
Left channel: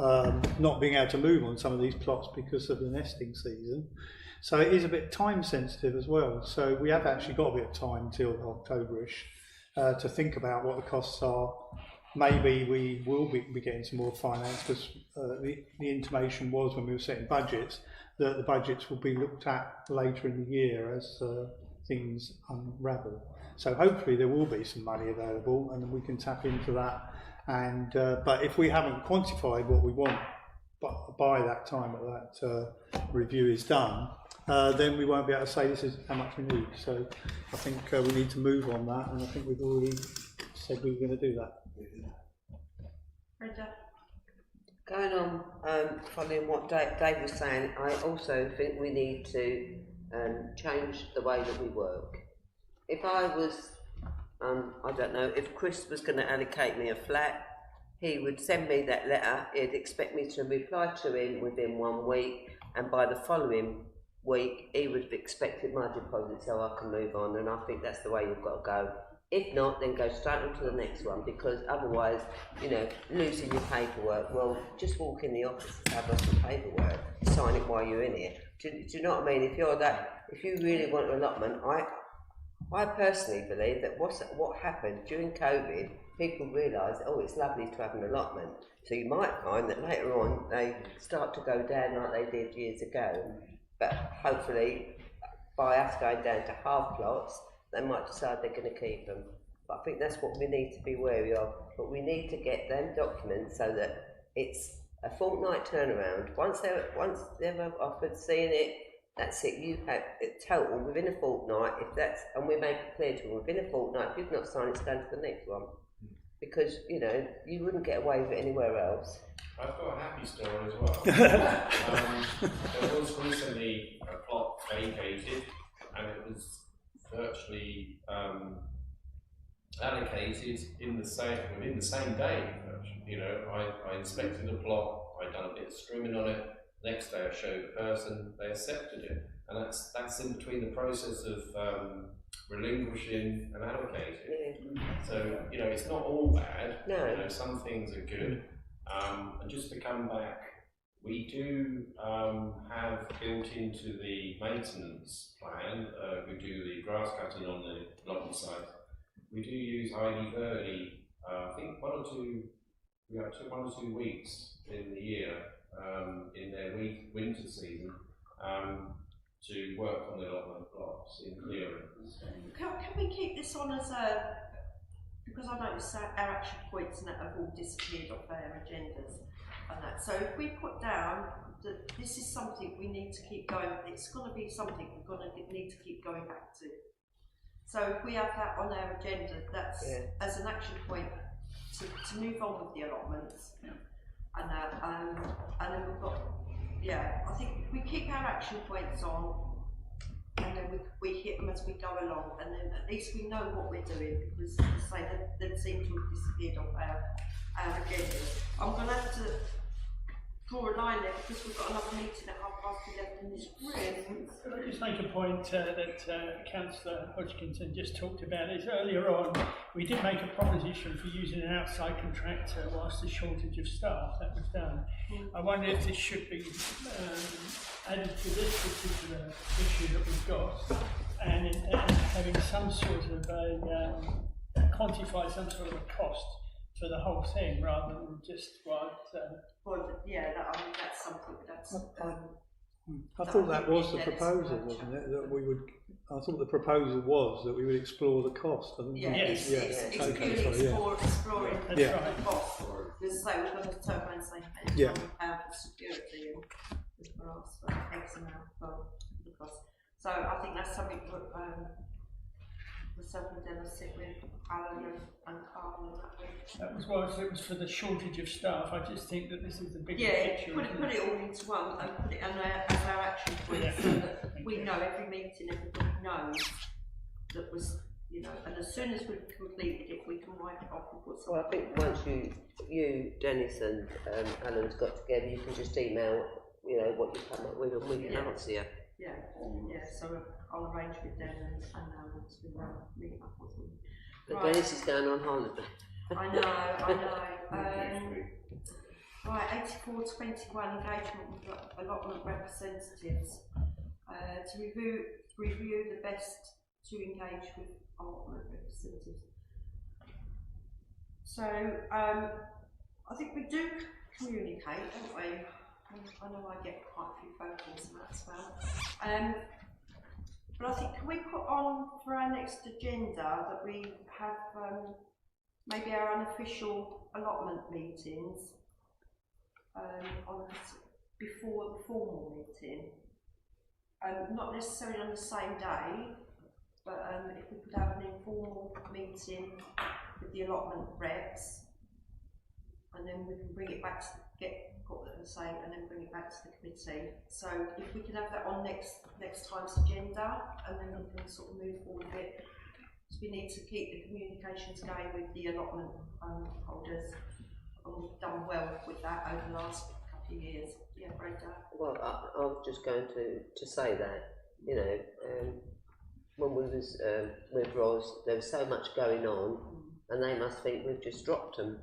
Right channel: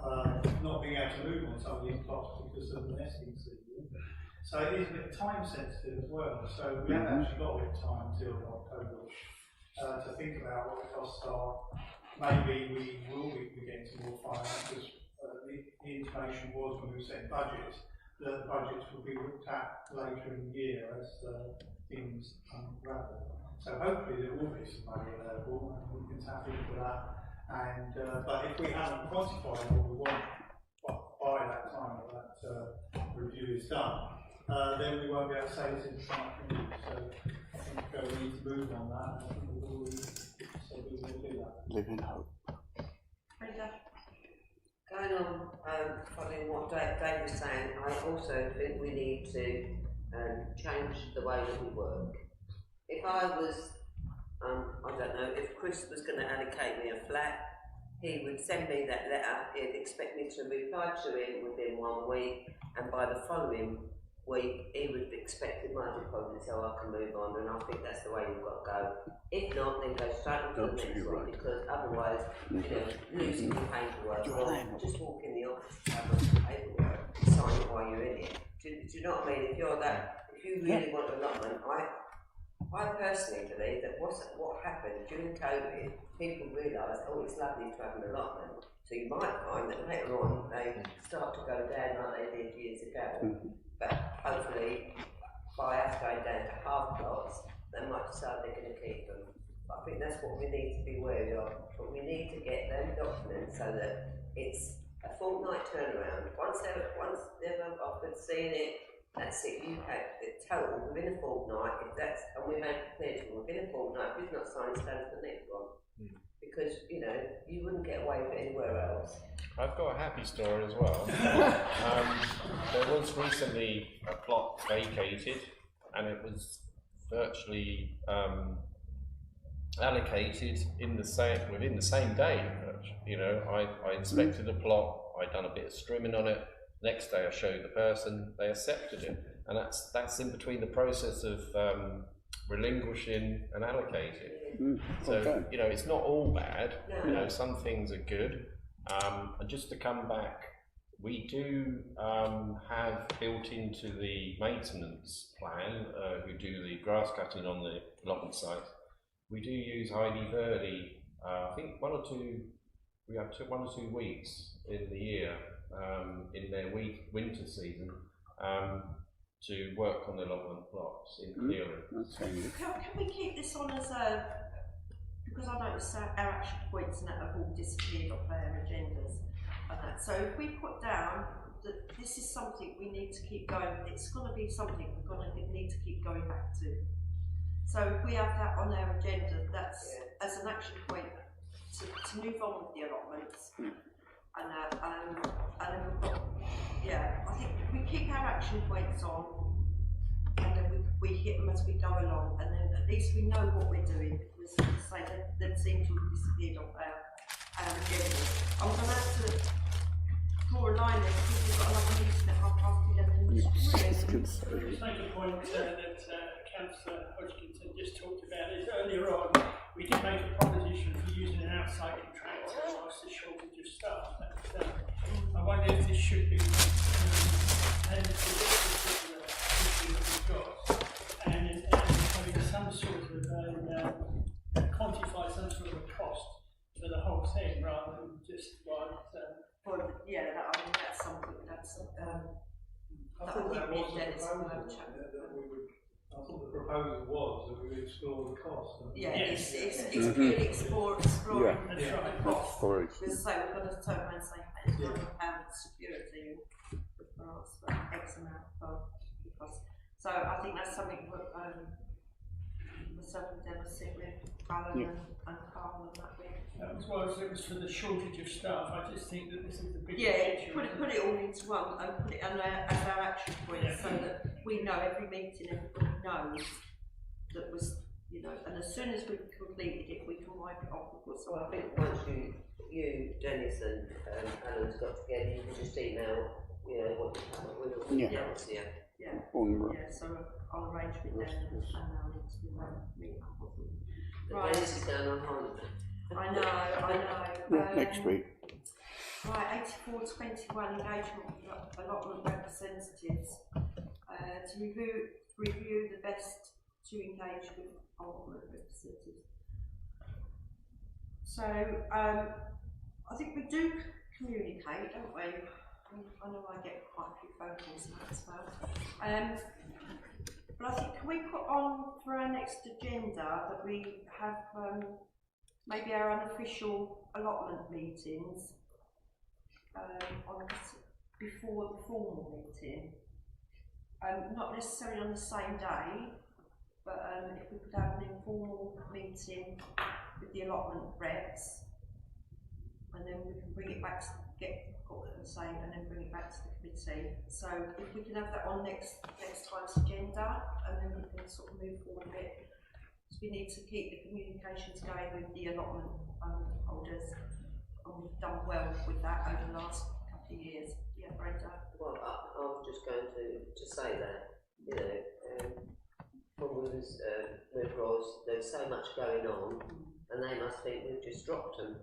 not being able to move on some of these plots because of the nesting season. So it is a bit time sensitive as well. So we have actually got a bit of time till October-ish to think about what the costs are. Maybe we will be getting some more finance, because the intimation was when we were setting budgets that the budgets will be looked at later in the year as things unravel. So hopefully there will be some money available and we can tap into that. And but if we haven't quantified what we want by that time that review is done, then we won't be able to say this is how much we need. So I think we need to move on that, and I think we've already said we were going to do that. Live in hope. Going on, following what Dave was saying, I also think we need to change the way that we work. If I was, I don't know, if Chris was going to allocate me a flat, he would send me that letter, he'd expect me to reply to him within 1 week, and by the following week he would have expected my deposit so I can move on, and I think that's the way you've got to go. If not, then go straight on to the next one, because otherwise, you know, losing your paperwork. Well, just walk in the office and have lots of paperwork, sign it while you're in it. Do you know what I mean? If you really want an allotment, I personally believe that what happened during COVID, people realised, oh, it's lovely to have an allotment. So you might find that later on they start to go down like they did years ago. But hopefully, by us going down to half plots, they might decide they're going to keep them. But I think that's what we need to be wary of. But we need to get them documents so that it's a fortnight turnaround. Once they're offered seeing it, that's it. You have it total within a fortnight. And we make it clear to them within a fortnight. If you've not signed, it's going to the next one. Because you know you wouldn't get away with it anywhere else. I've got a happy story as well. There was recently a plot vacated, and it was virtually allocated within the same day. You know, I inspected the plot, I'd done a bit of strimming on it. Next day, I showed the person, they accepted it, and that's in between the process of relinquishing and allocating. So you know, it's not all bad. No. You know, some things are good. And just to come back, we do have built into the maintenance plan, we do the grass cutting on the allotment site. We do use Heidi Verdi, I think we have 1 or 2 weeks in the year, in their winter season, to work on the allotment plots in clearing. Can we keep this on as because I noticed our action points and that have all disappeared off our agendas and that. So if we put down that this is something we need to keep going with, it's going to be something we're going to need to keep going back to. So if we have that on our agenda, that's as an action point to move on with the allotments. And then we've got, I think if we keep our action points on, and then we hit them as we go along, and then at least we know what we're doing, because as I say, they seem to have disappeared off our agenda. I'm going to have to draw a line there because we've got another meeting at 11:30 in this room. I'll just make a point that Councillor Hodgkinson just talked about is earlier on we did make a proposition for using an outside contractor whilst the shortage of staff. That was done. I wonder if this should be added to this particular issue that we've got, and having some sort of quantify some sort of a cost for the whole thing rather than just what. Well, I mean that's something that's. I thought that was the proposal, wasn't it? That we would. I thought the proposal was that we would explore the cost. It's purely exploring the cost. Because say we're going to turn around and say £100 for security and for us for X amount for the cost. So I think that's something that myself and Deb will sit with Alan and Carl and that way. That was why it was for the shortage of staff. I just think that this is the big picture. Put it all into one and put it as our action point so that we know every meeting, everybody knows that was, you know, and as soon as we've completed it, we can wipe it off and put something. Well, I think once you, Dennis and Alan's got together, you can just email, you know, what you come up with and we can answer you. So I'll arrange with them and Alan to meet up with them. But Dennis is going on holiday. I know. Next week. Right, 8421 engagement with allotment representatives to review the best to engage with allotment representatives. So I think we do communicate, don't we? I know I get quite a few phone calls and that as well. But I think, can we put on for our next agenda that we have maybe our unofficial allotment meetings before the formal meeting? Not necessarily on the same day, but if we could have an informal meeting with the allotment reps, and then we can bring it back to and then bring it back to the committee. So if we can have that on next time's agenda, and then we can sort of move forward a bit. So we need to keep the communications going with the allotment holders. and we've done well with that over the last couple of years. Yeah, Brenda. Well, I was just going to say that, you know, when we was with Roz, there was so much going on, and they must think we've just dropped them,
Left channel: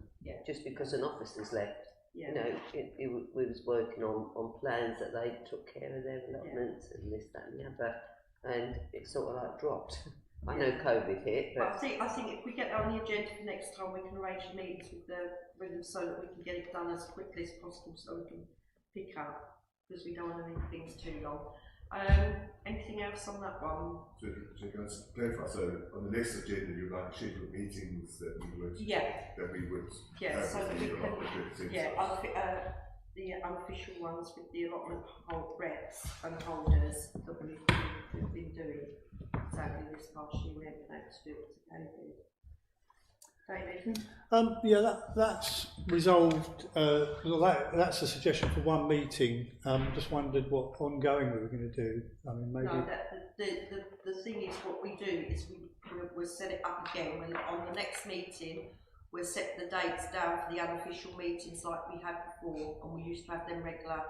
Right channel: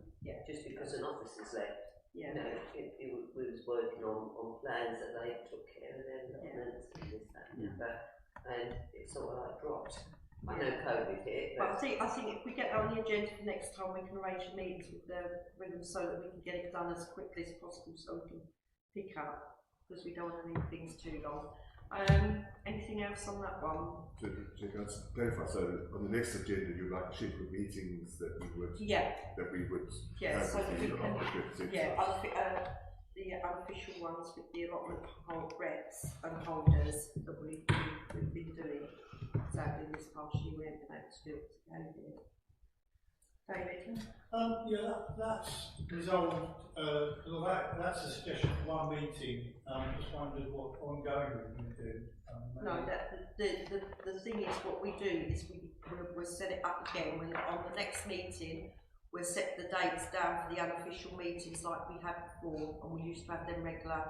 just because an officer's left. Yeah. You know, we was working on plans that they took care of their allotments and this, that, and the other, and it sort of like dropped. I know COVID hit, but I think if we get on the agenda for next time, we can arrange meetings with them so that we can get it done as quickly as possible, so we can pick up, because we don't want to leave things too long. Anything else on that one? So can I just clarify? So on the next agenda, you'd like to schedule meetings that we would have so with that we the allotment representatives. the unofficial ones with the allotment reps and holders that we've been doing. Sadly, this past year we haven't been able to do it together. David? Yeah, that's resolved. That's a suggestion for one meeting. Just wondered what ongoing we were going to do. I mean, maybe. No, the thing is, what we do is we'll set it up again. On the next meeting, we'll set the dates down for the unofficial meetings like we had before, and we used to have them regular.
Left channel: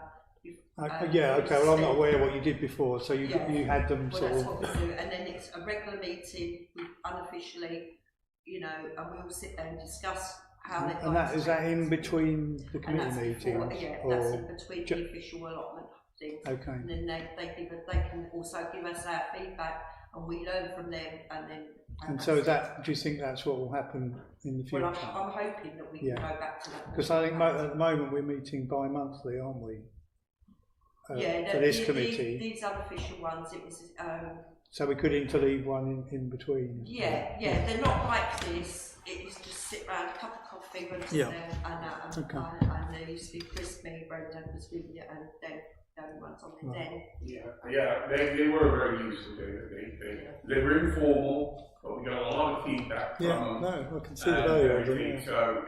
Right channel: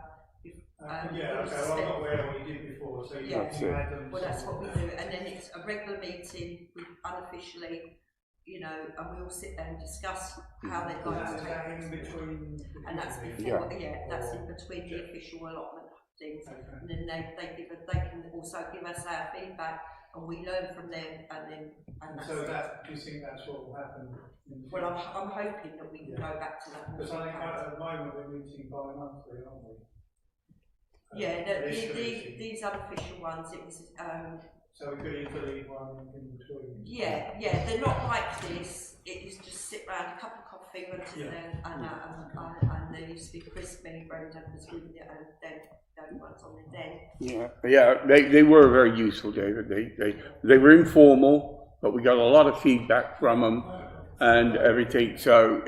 Okay. Well, I'm not aware what you did before, so you had them. Well, that's what we do, and then it's a regular meeting unofficially. You know, and we all sit there and discuss how they're going. And is that in between the committee meetings? That's in between the official allotment things. Okay. And then they can also give us our feedback, and we learn from them, and then. And so do you think that's what will happen in the future? Well, I'm hoping that we can go back to that. Because I think at the moment we're meeting bi-monthly, aren't we? These unofficial ones, it was. So we could interleave one in between. Yeah, they're not like this. It was just sit round, a cup of coffee, and there used to be Chris, me, Brenda was with you, and then the only ones on the den. They were very useful, David. They were informal, but we got a lot of feedback from them and everything. So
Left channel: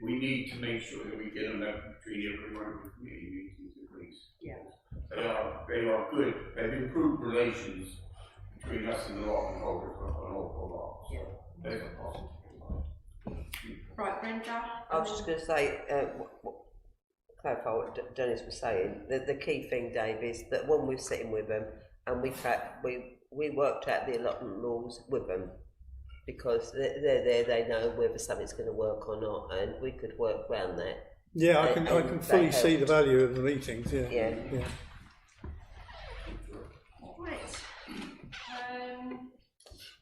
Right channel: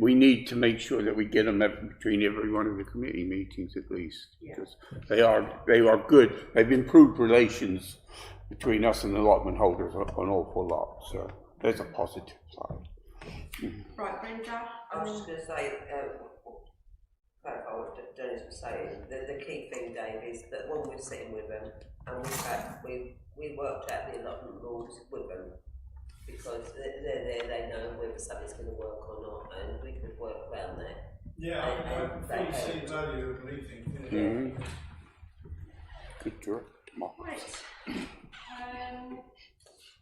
we need to make sure that we get them between every one of the committee meetings at least. Because they are good. They've improved relations between us and the allotment holders an awful lot. So there's a positive side. Right, Brenda. I was just going to say, clarify what Dennis was saying. The key thing, Dave, is that when we're sitting with them and we worked out the allotment rules with them, because they're there, they know whether something's going to work or not, and we could work around that. Yeah, I can fully see the value of the meetings. Yeah. Good job. Right.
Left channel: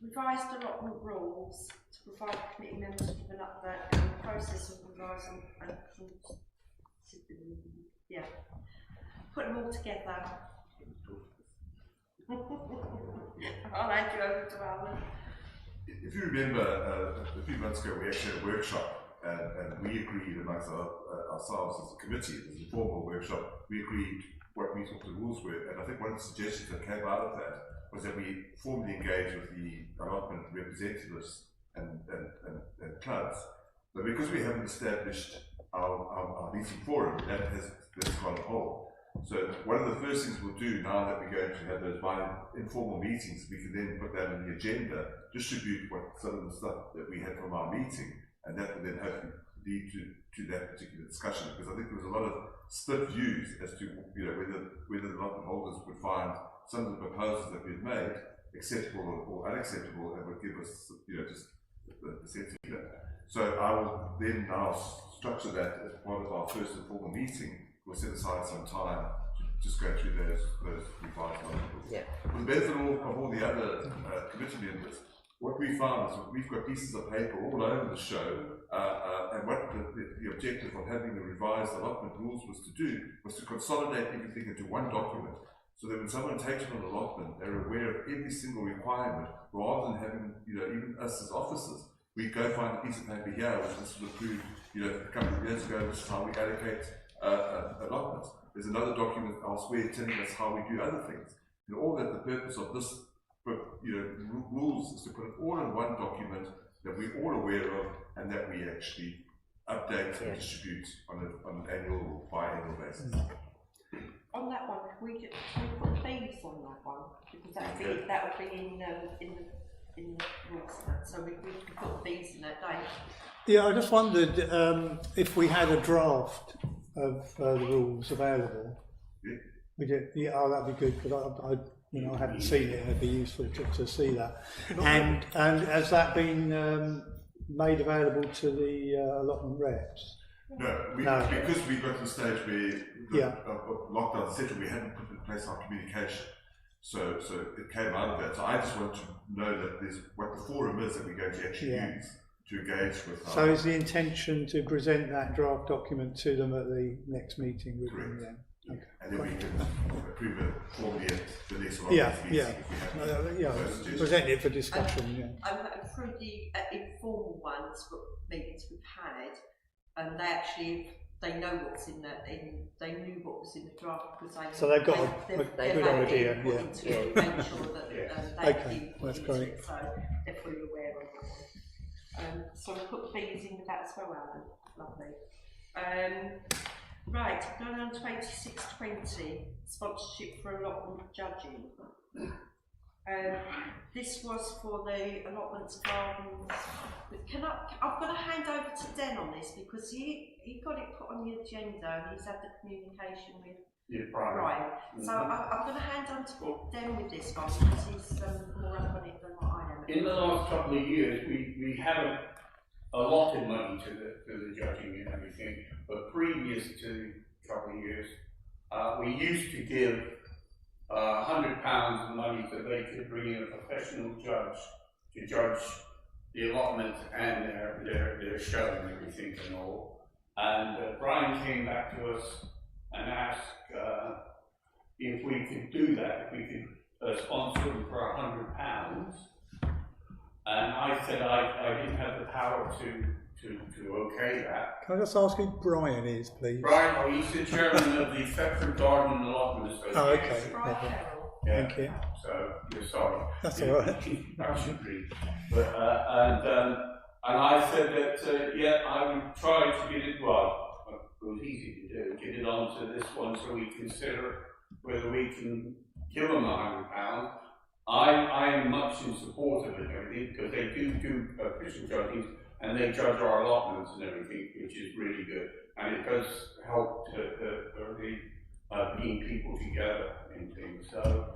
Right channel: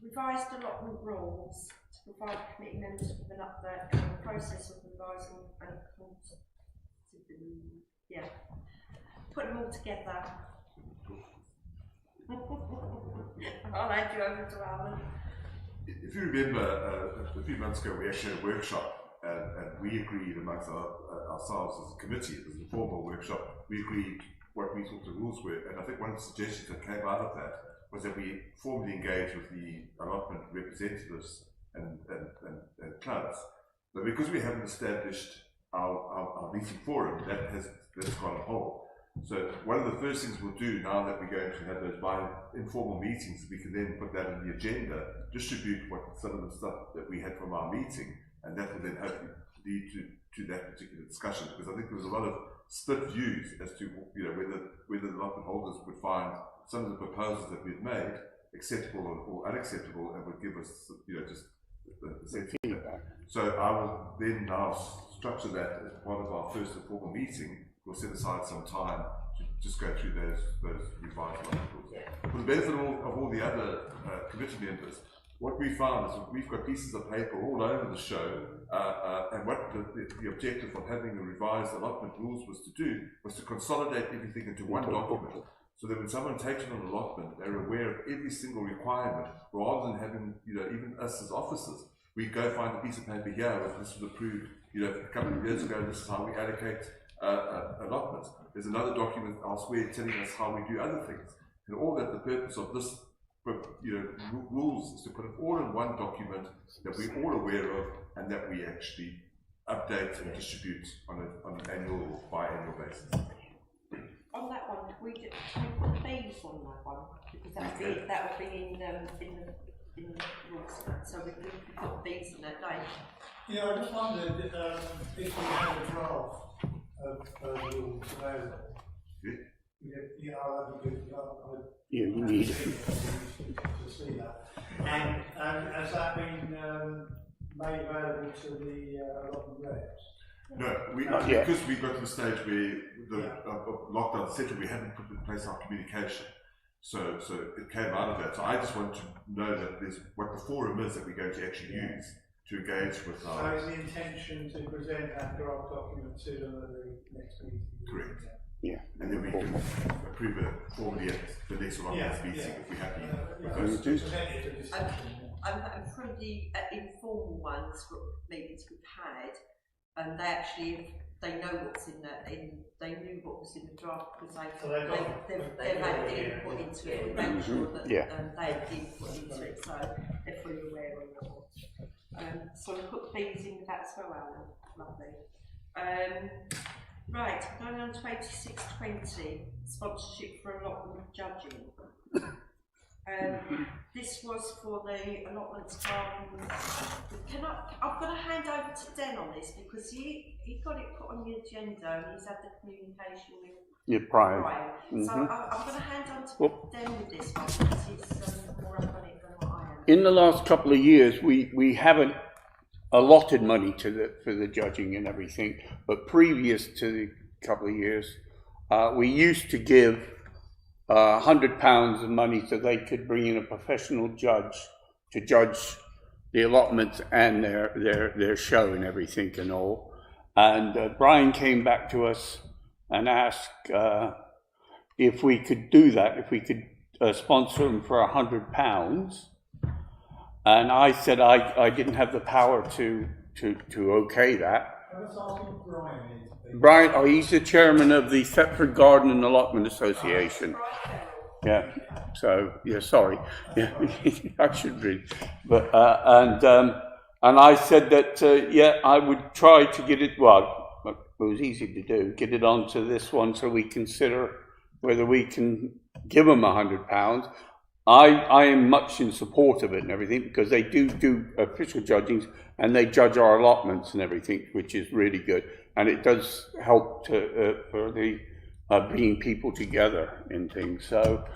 Revised allotment rules to provide committee members with an update on the process of revising and put them all together. I'll hand you over to Alan. If you remember, a few months ago we actually had a workshop, and we agreed amongst ourselves as a committee, it was an informal workshop, we agreed what we thought the rules were, and I think one of the suggestions that came out of that was that we formally engage with the allotment representatives and clubs. But because we haven't established our meeting forum, that's gone on hold. So one of the first things we'll do now that we're going to have those informal meetings, we can then put that on the agenda, distribute some of the stuff that we had from our meeting, and that will then hopefully lead to that particular discussion. Because I think there was a lot of split views as to whether the allotment holders would find some of the proposals that we've made acceptable or unacceptable, and would give us just the sense of that. So I will then now structure that as part of our first informal meeting. We'll set aside some time to just go through those revised rules. For the benefit of all the other committee members, what we found is we've got pieces of paper all over the show, and what the objective of having the revised allotment rules was to consolidate everything into one document, so that when someone takes on an allotment, they're aware of every single requirement, rather than having, even us as officers, we go find a piece of paper here, this was approved, a couple of years ago, this is how we allocate allotments. There's another document elsewhere telling us how we do other things. And all that, the purpose of this, rules is to put it all in one document that we're all aware of, and that we actually update and distribute on an annual or biannual basis. On that one, can we put the fees on that one? Because that would be in the in the rules, so we put these in that day. Yeah, I just wondered if we had a draft of the rules available. Yeah. We did, yeah, oh, that'd be good, because I haven't seen it, it'd be useful to see that. And has that been made available to the allotment reps? No, because we got to the stage where the lockdown, etc., we hadn't put in place our communication. So it came out of that. So I just want to know that there's what the forum is that we're going to actually use to engage with our... So is the intention to present that draft document to them at the next meeting? Correct. Yeah. And then we can approve it formally at the next allotments meeting if we have to present it for discussion. And through the informal ones, meetings we've had, and they know what's in they knew what was in the draft because they've had input into it to make sure that they've input into it, so they're fully aware of it. So we put these in with that as well, Alan. Lovely. Right, going on to 8620, sponsorship for allotment judging. This was for the allotments gardens. I've got to hand over to Den on this because he got it put on the agenda and he's had the communication with Brian. So I'm going to hand on to Den with this one because he's more up on it than what I am. In the last couple of years, we haven't allotted money for the judging and everything, but previous to the couple of years, we used to give £100 of money so they could bring in a professional judge to judge the allotments and their show and everything and all. And Brian came back to us and asked if we could do that, if we could sponsor them for £100. And I said I didn't have the power to okay that. Can I just ask who Brian is, please? Brian, he's the chairman of the Thetford Garden and Allotment Association. Brian Carroll. Yeah. Thank you. So sorry. That's all right. I should read. But and I said that I would try to get it. Well, it was easy to do. Get it onto this one so we consider whether we can give them £100. I am much in support of it and everything because they do official judgings and they judge our allotments and everything, which is really good. And it does help for the bringing people together in things. So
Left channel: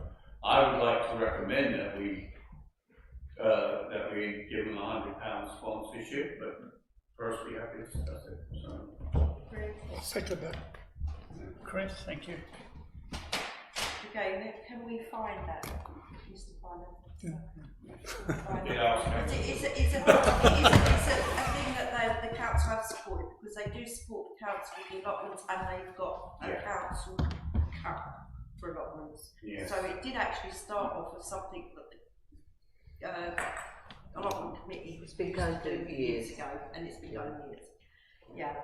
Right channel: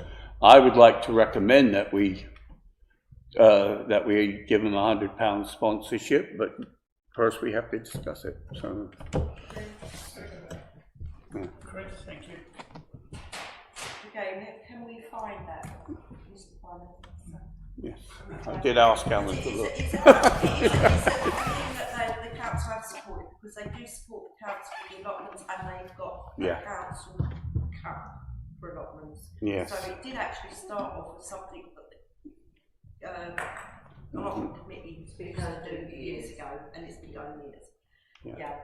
I would like to recommend that we give them £100 sponsorship, but first we have to discuss it. So. Second that. Chris, thank you. Okay, can we find that, Mr. Finance? Yeah. I did ask Cameron. It's a thing that the council have supported because they do support the council with the allotments and they've got a council cup for allotments. Yes. So it did actually start off as something that the allotment committee has been going through years ago, and it's been going years. Yeah.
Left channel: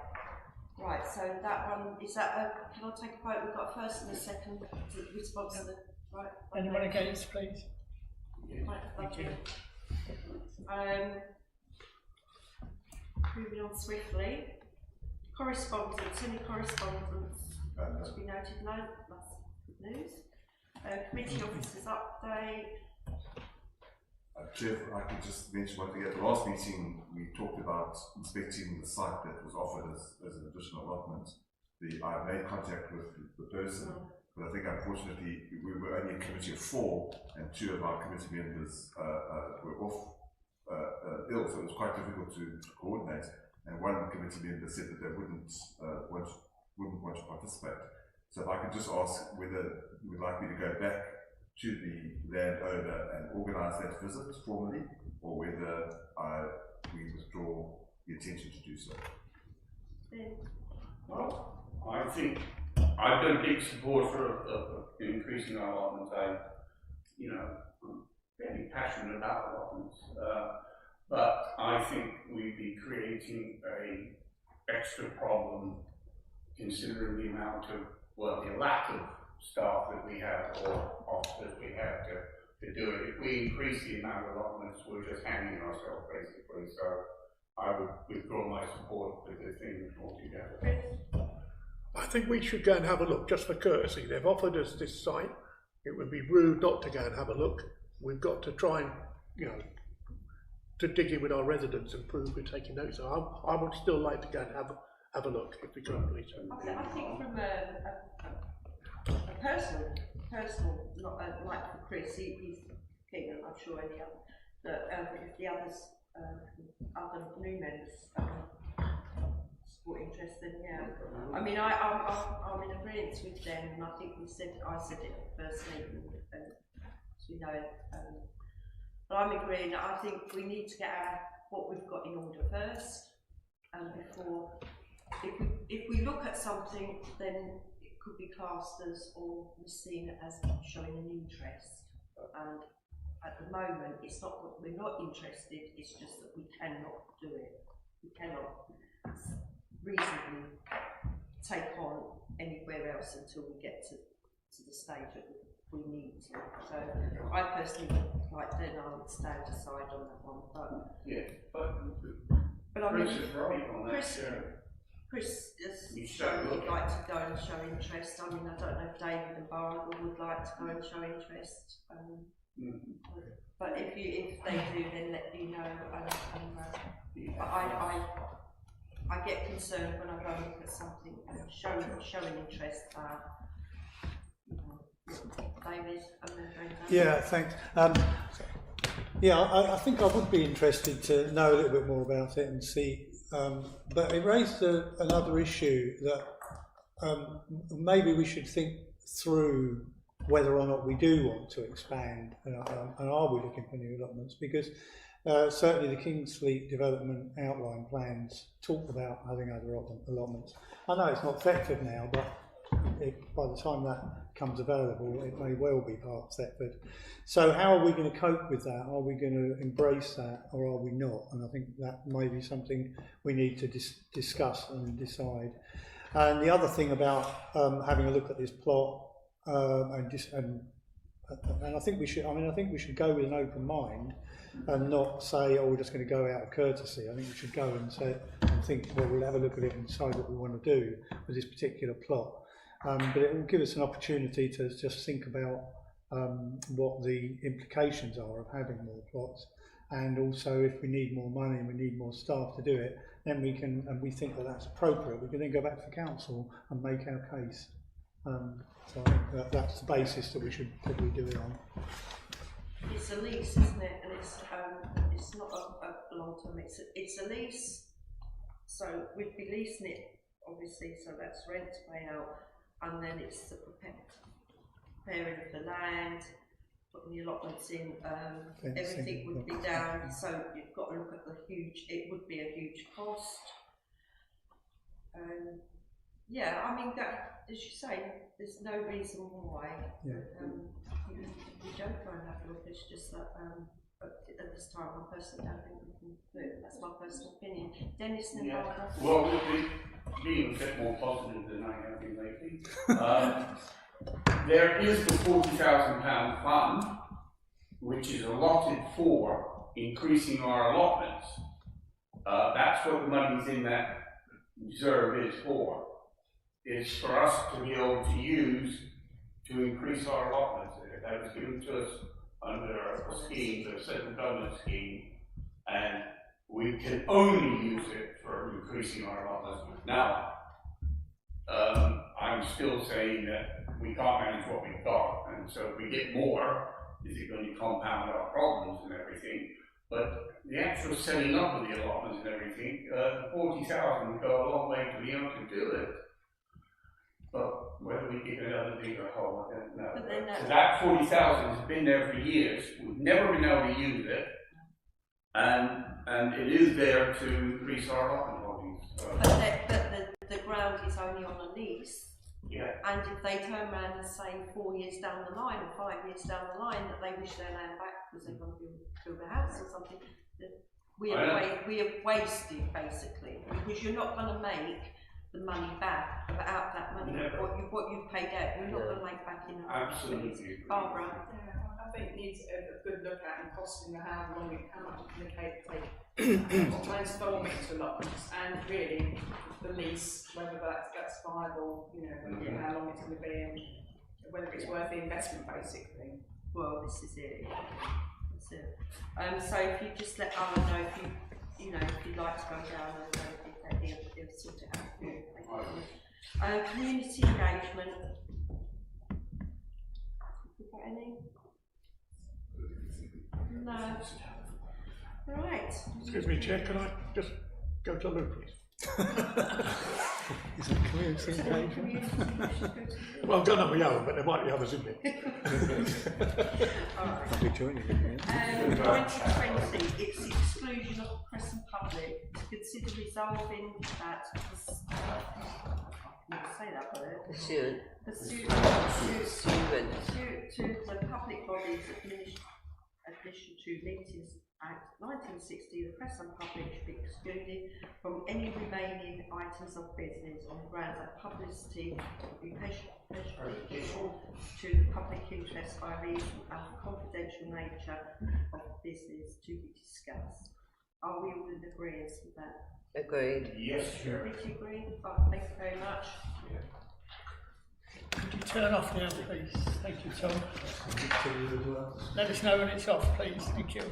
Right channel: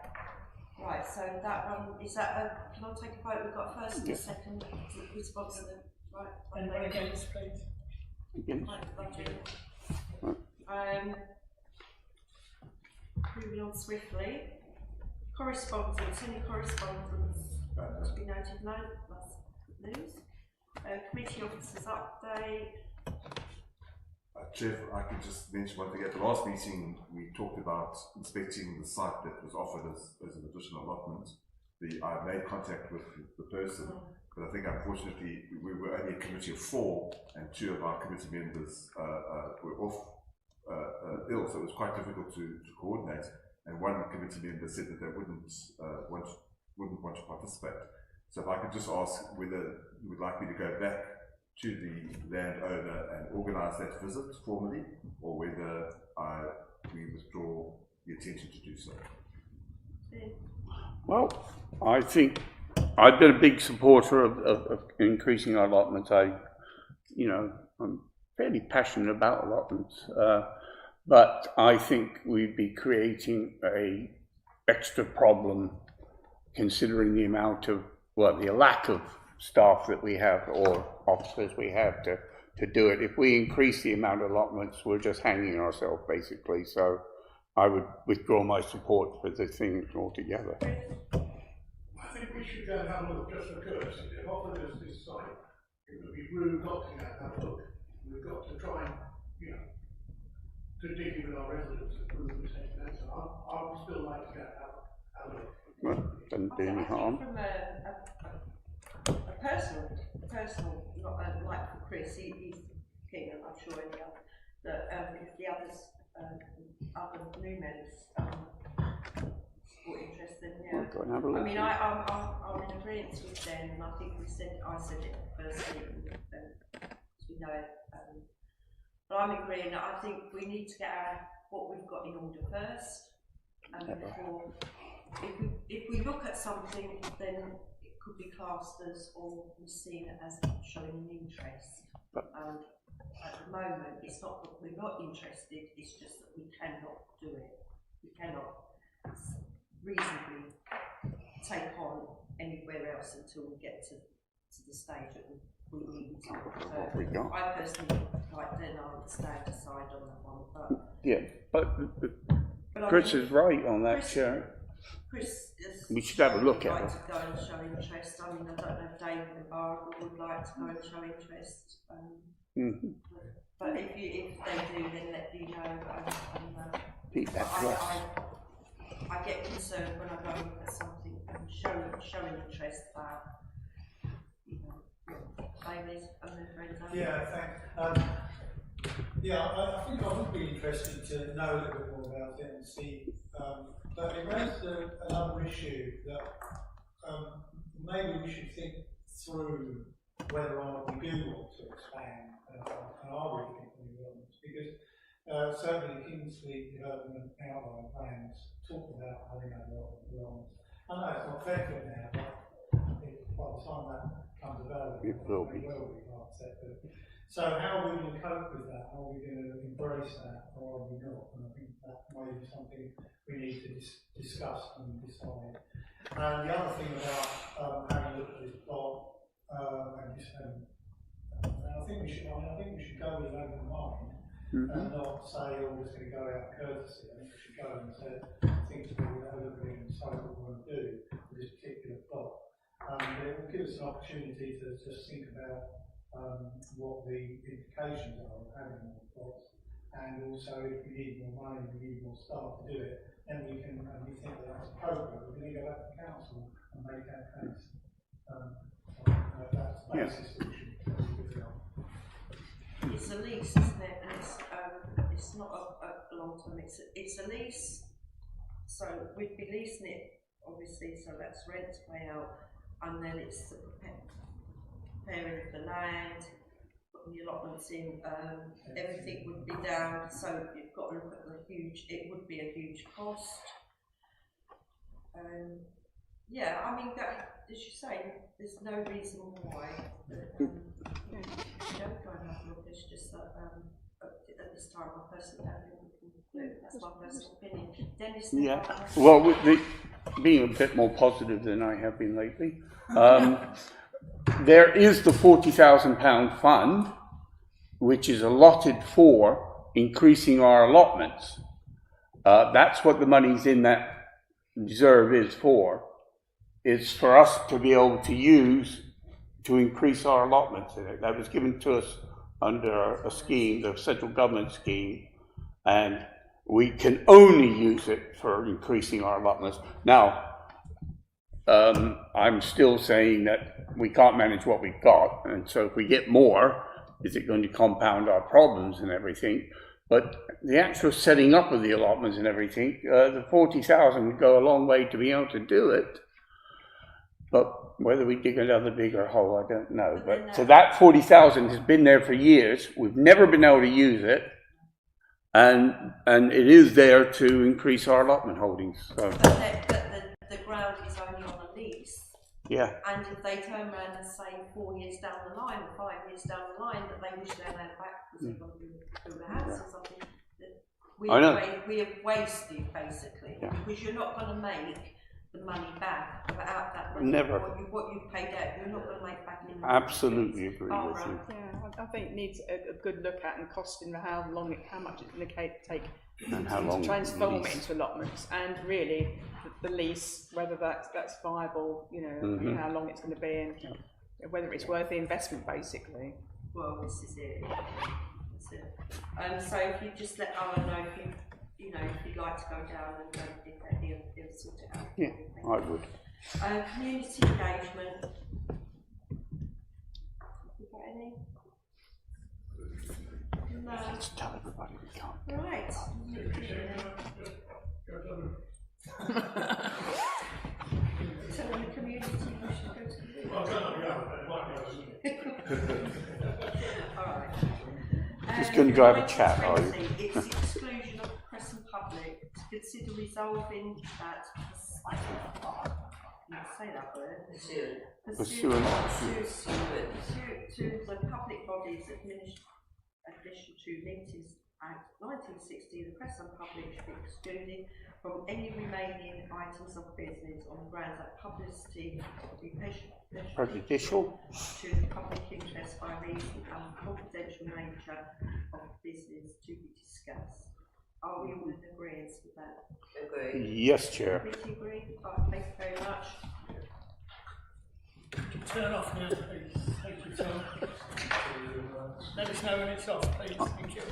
Right, so that one, is that can I take a vote? We've got a first and a second to sponsor the, right? Anyone against, please? Right, lovely. Moving on swiftly. Correspondence, any correspondence to be noted? No, that's good news. Committee officers update. Chair, I could just mention one thing. At the last meeting, we talked about inspecting the site that was offered as an additional allotment. I made contact with the person, but I think unfortunately we were only a committee of 4, and 2 of our committee members were off ill, so it was quite difficult to coordinate. And one committee member said that they wouldn't want to participate. So if I could just ask whether you would like me to go back to the landowner and organise that visit formally, or whether we withdraw the intention to do so. Well, I think I've been a big supporter of increasing our allotments. I'm fairly passionate about allotments, but I think we'd be creating a extra problem considering the amount of, the lack of staff that we have or officers we have to do it. If we increase the amount of allotments, we're just hanging ourselves basically. So I would withdraw my support for the thing altogether. I think we should go and have a look just for courtesy. They've offered us this site. It would be rude not to go and have a look. We've got to try and, to dig in with our residents and prove we're taking notes. So I would still like to go and have a look if we can, please. Doesn't do I any think harm. from a personal, not like for Chris, he's keen, and I'm sure any other, that if the others, other new members, support interest, then yeah. I mean, I'm in agreement with them, and I think I said it at the first meeting, and as we know it. But I'm agreeing that I think we need to get what we've got in order first, and before, if we look at something, then it could be classed as, or we're seen as showing an interest. And at the moment, it's not that we're not interested, it's just that we cannot do it. We cannot reasonably take on anywhere else until we get to the stage that we need to. So I personally, like then I would stand aside on that one. But yeah, but Chris is right on that, Sharon. Chris we should have a look at like it. to go and show interest. I mean, I don't know if David and Barbara would like to go and show interest. But if they do, then let you know. I get concerned when I go and look at something and showing interest. David and their friends. Yeah, thanks. Yeah, I think I would be interested to know a little bit more about it and see. But it raised another issue that maybe we should think through whether or not we do want to expand and are we looking for new allotments, because certainly the Kingsfleet development outline plans talk about having other allotments. I know it's not Thetford now, but by the time that comes available, it may well be part of Thetford. So how are we going to cope with that? Are we going to embrace that, or are we not? And I think that may be something we need to discuss and decide. And the other thing about having a look at this plot, and I think we should. I mean, I think we should go with an open mind and not say, "Oh, we're just going to go out of courtesy." I think we should go and think, "Well, we'll have a look at it and decide what we want to do with this particular plot." But it will give us an opportunity to just think about what the implications are of having more plots, and also if we need more money and we need more staff to do it, then we can, and we think that that's appropriate, we can then go back to council and make our case. So that's the basis that we should probably do it on. It's a lease, isn't it? And it's not a long term. It's a lease, so we'd be leasing it, obviously. So that's rent to pay out, and then it's the preparing of the land, putting the allotments in. Everything would be down. So you've got to look at the huge. It would be a huge cost. Yeah, I mean that, as you say, there's no reason why you don't go and have a look. It's just that at this time, I personally don't think we can do it. That's my personal opinion. Dennis, well, being a bit more positive than I have been lately, there is the £40,000 fund, which is allotted for increasing our allotments. That's what the money's in that reserve is for. It's for us to be able to use to increase our allotments in it. That was given to us under a scheme, the central government scheme, and we can only use it for increasing our allotments. Now, I'm still saying that we can't manage what we've got, and so if we get more, is it going to compound our problems and everything? But the actual setting up of the allotments and everything, the 40,000 would go a long way to be able to do it. But whether we dig another bigger hole, I don't know. But so that 40,000 has been there for years. We've never been able to use it, and it is there to increase our allotment holdings. So. But the ground is only on a lease. Yeah. And if they turn around and say 4 years down the line or 5 years down the line that they wish their land back because they're going to build a house or something, we have wasted basically, because you're not going to make the money back without that money. Never. What you've paid out, you're not going to make back in. Absolutely agree. Barbara. Yeah, I think it needs a good look at and costing how much it's going to take to transform it into allotments, and really the lease, whether that's viable, how long it's going to be, and whether it's worth the investment, basically. Well, this is it. That's it. So if you just let Alan know if if you'd like to go down and he'll sort it out. Yeah, I would. Community engagement. Have you got any? No. Let's tell everybody we can't. Right. Excuse me, Chair, can I just go to the room, please? So in the community, you should go to the Well, I don't know, we are, but there might be others in there. Alright. Just going to go have a chat, are you? 2020, it's the exclusion of the press and public to consider resolving that. I can't say that word. Pursuant Pursuant to the Public Bodies Admission to Meetings Act 1960, the press and public should be excluded from any remaining items of business on the grounds that publicity will be Prejudicial. to the public interest by reason of the confidential nature of business to be discussed. Are we all in agreement with that? agreed. Yes, Chair. Committee agree? Thank you very much. Could you turn off now, please? Thank you, Tom. Let us know when it's off, please. Thank you.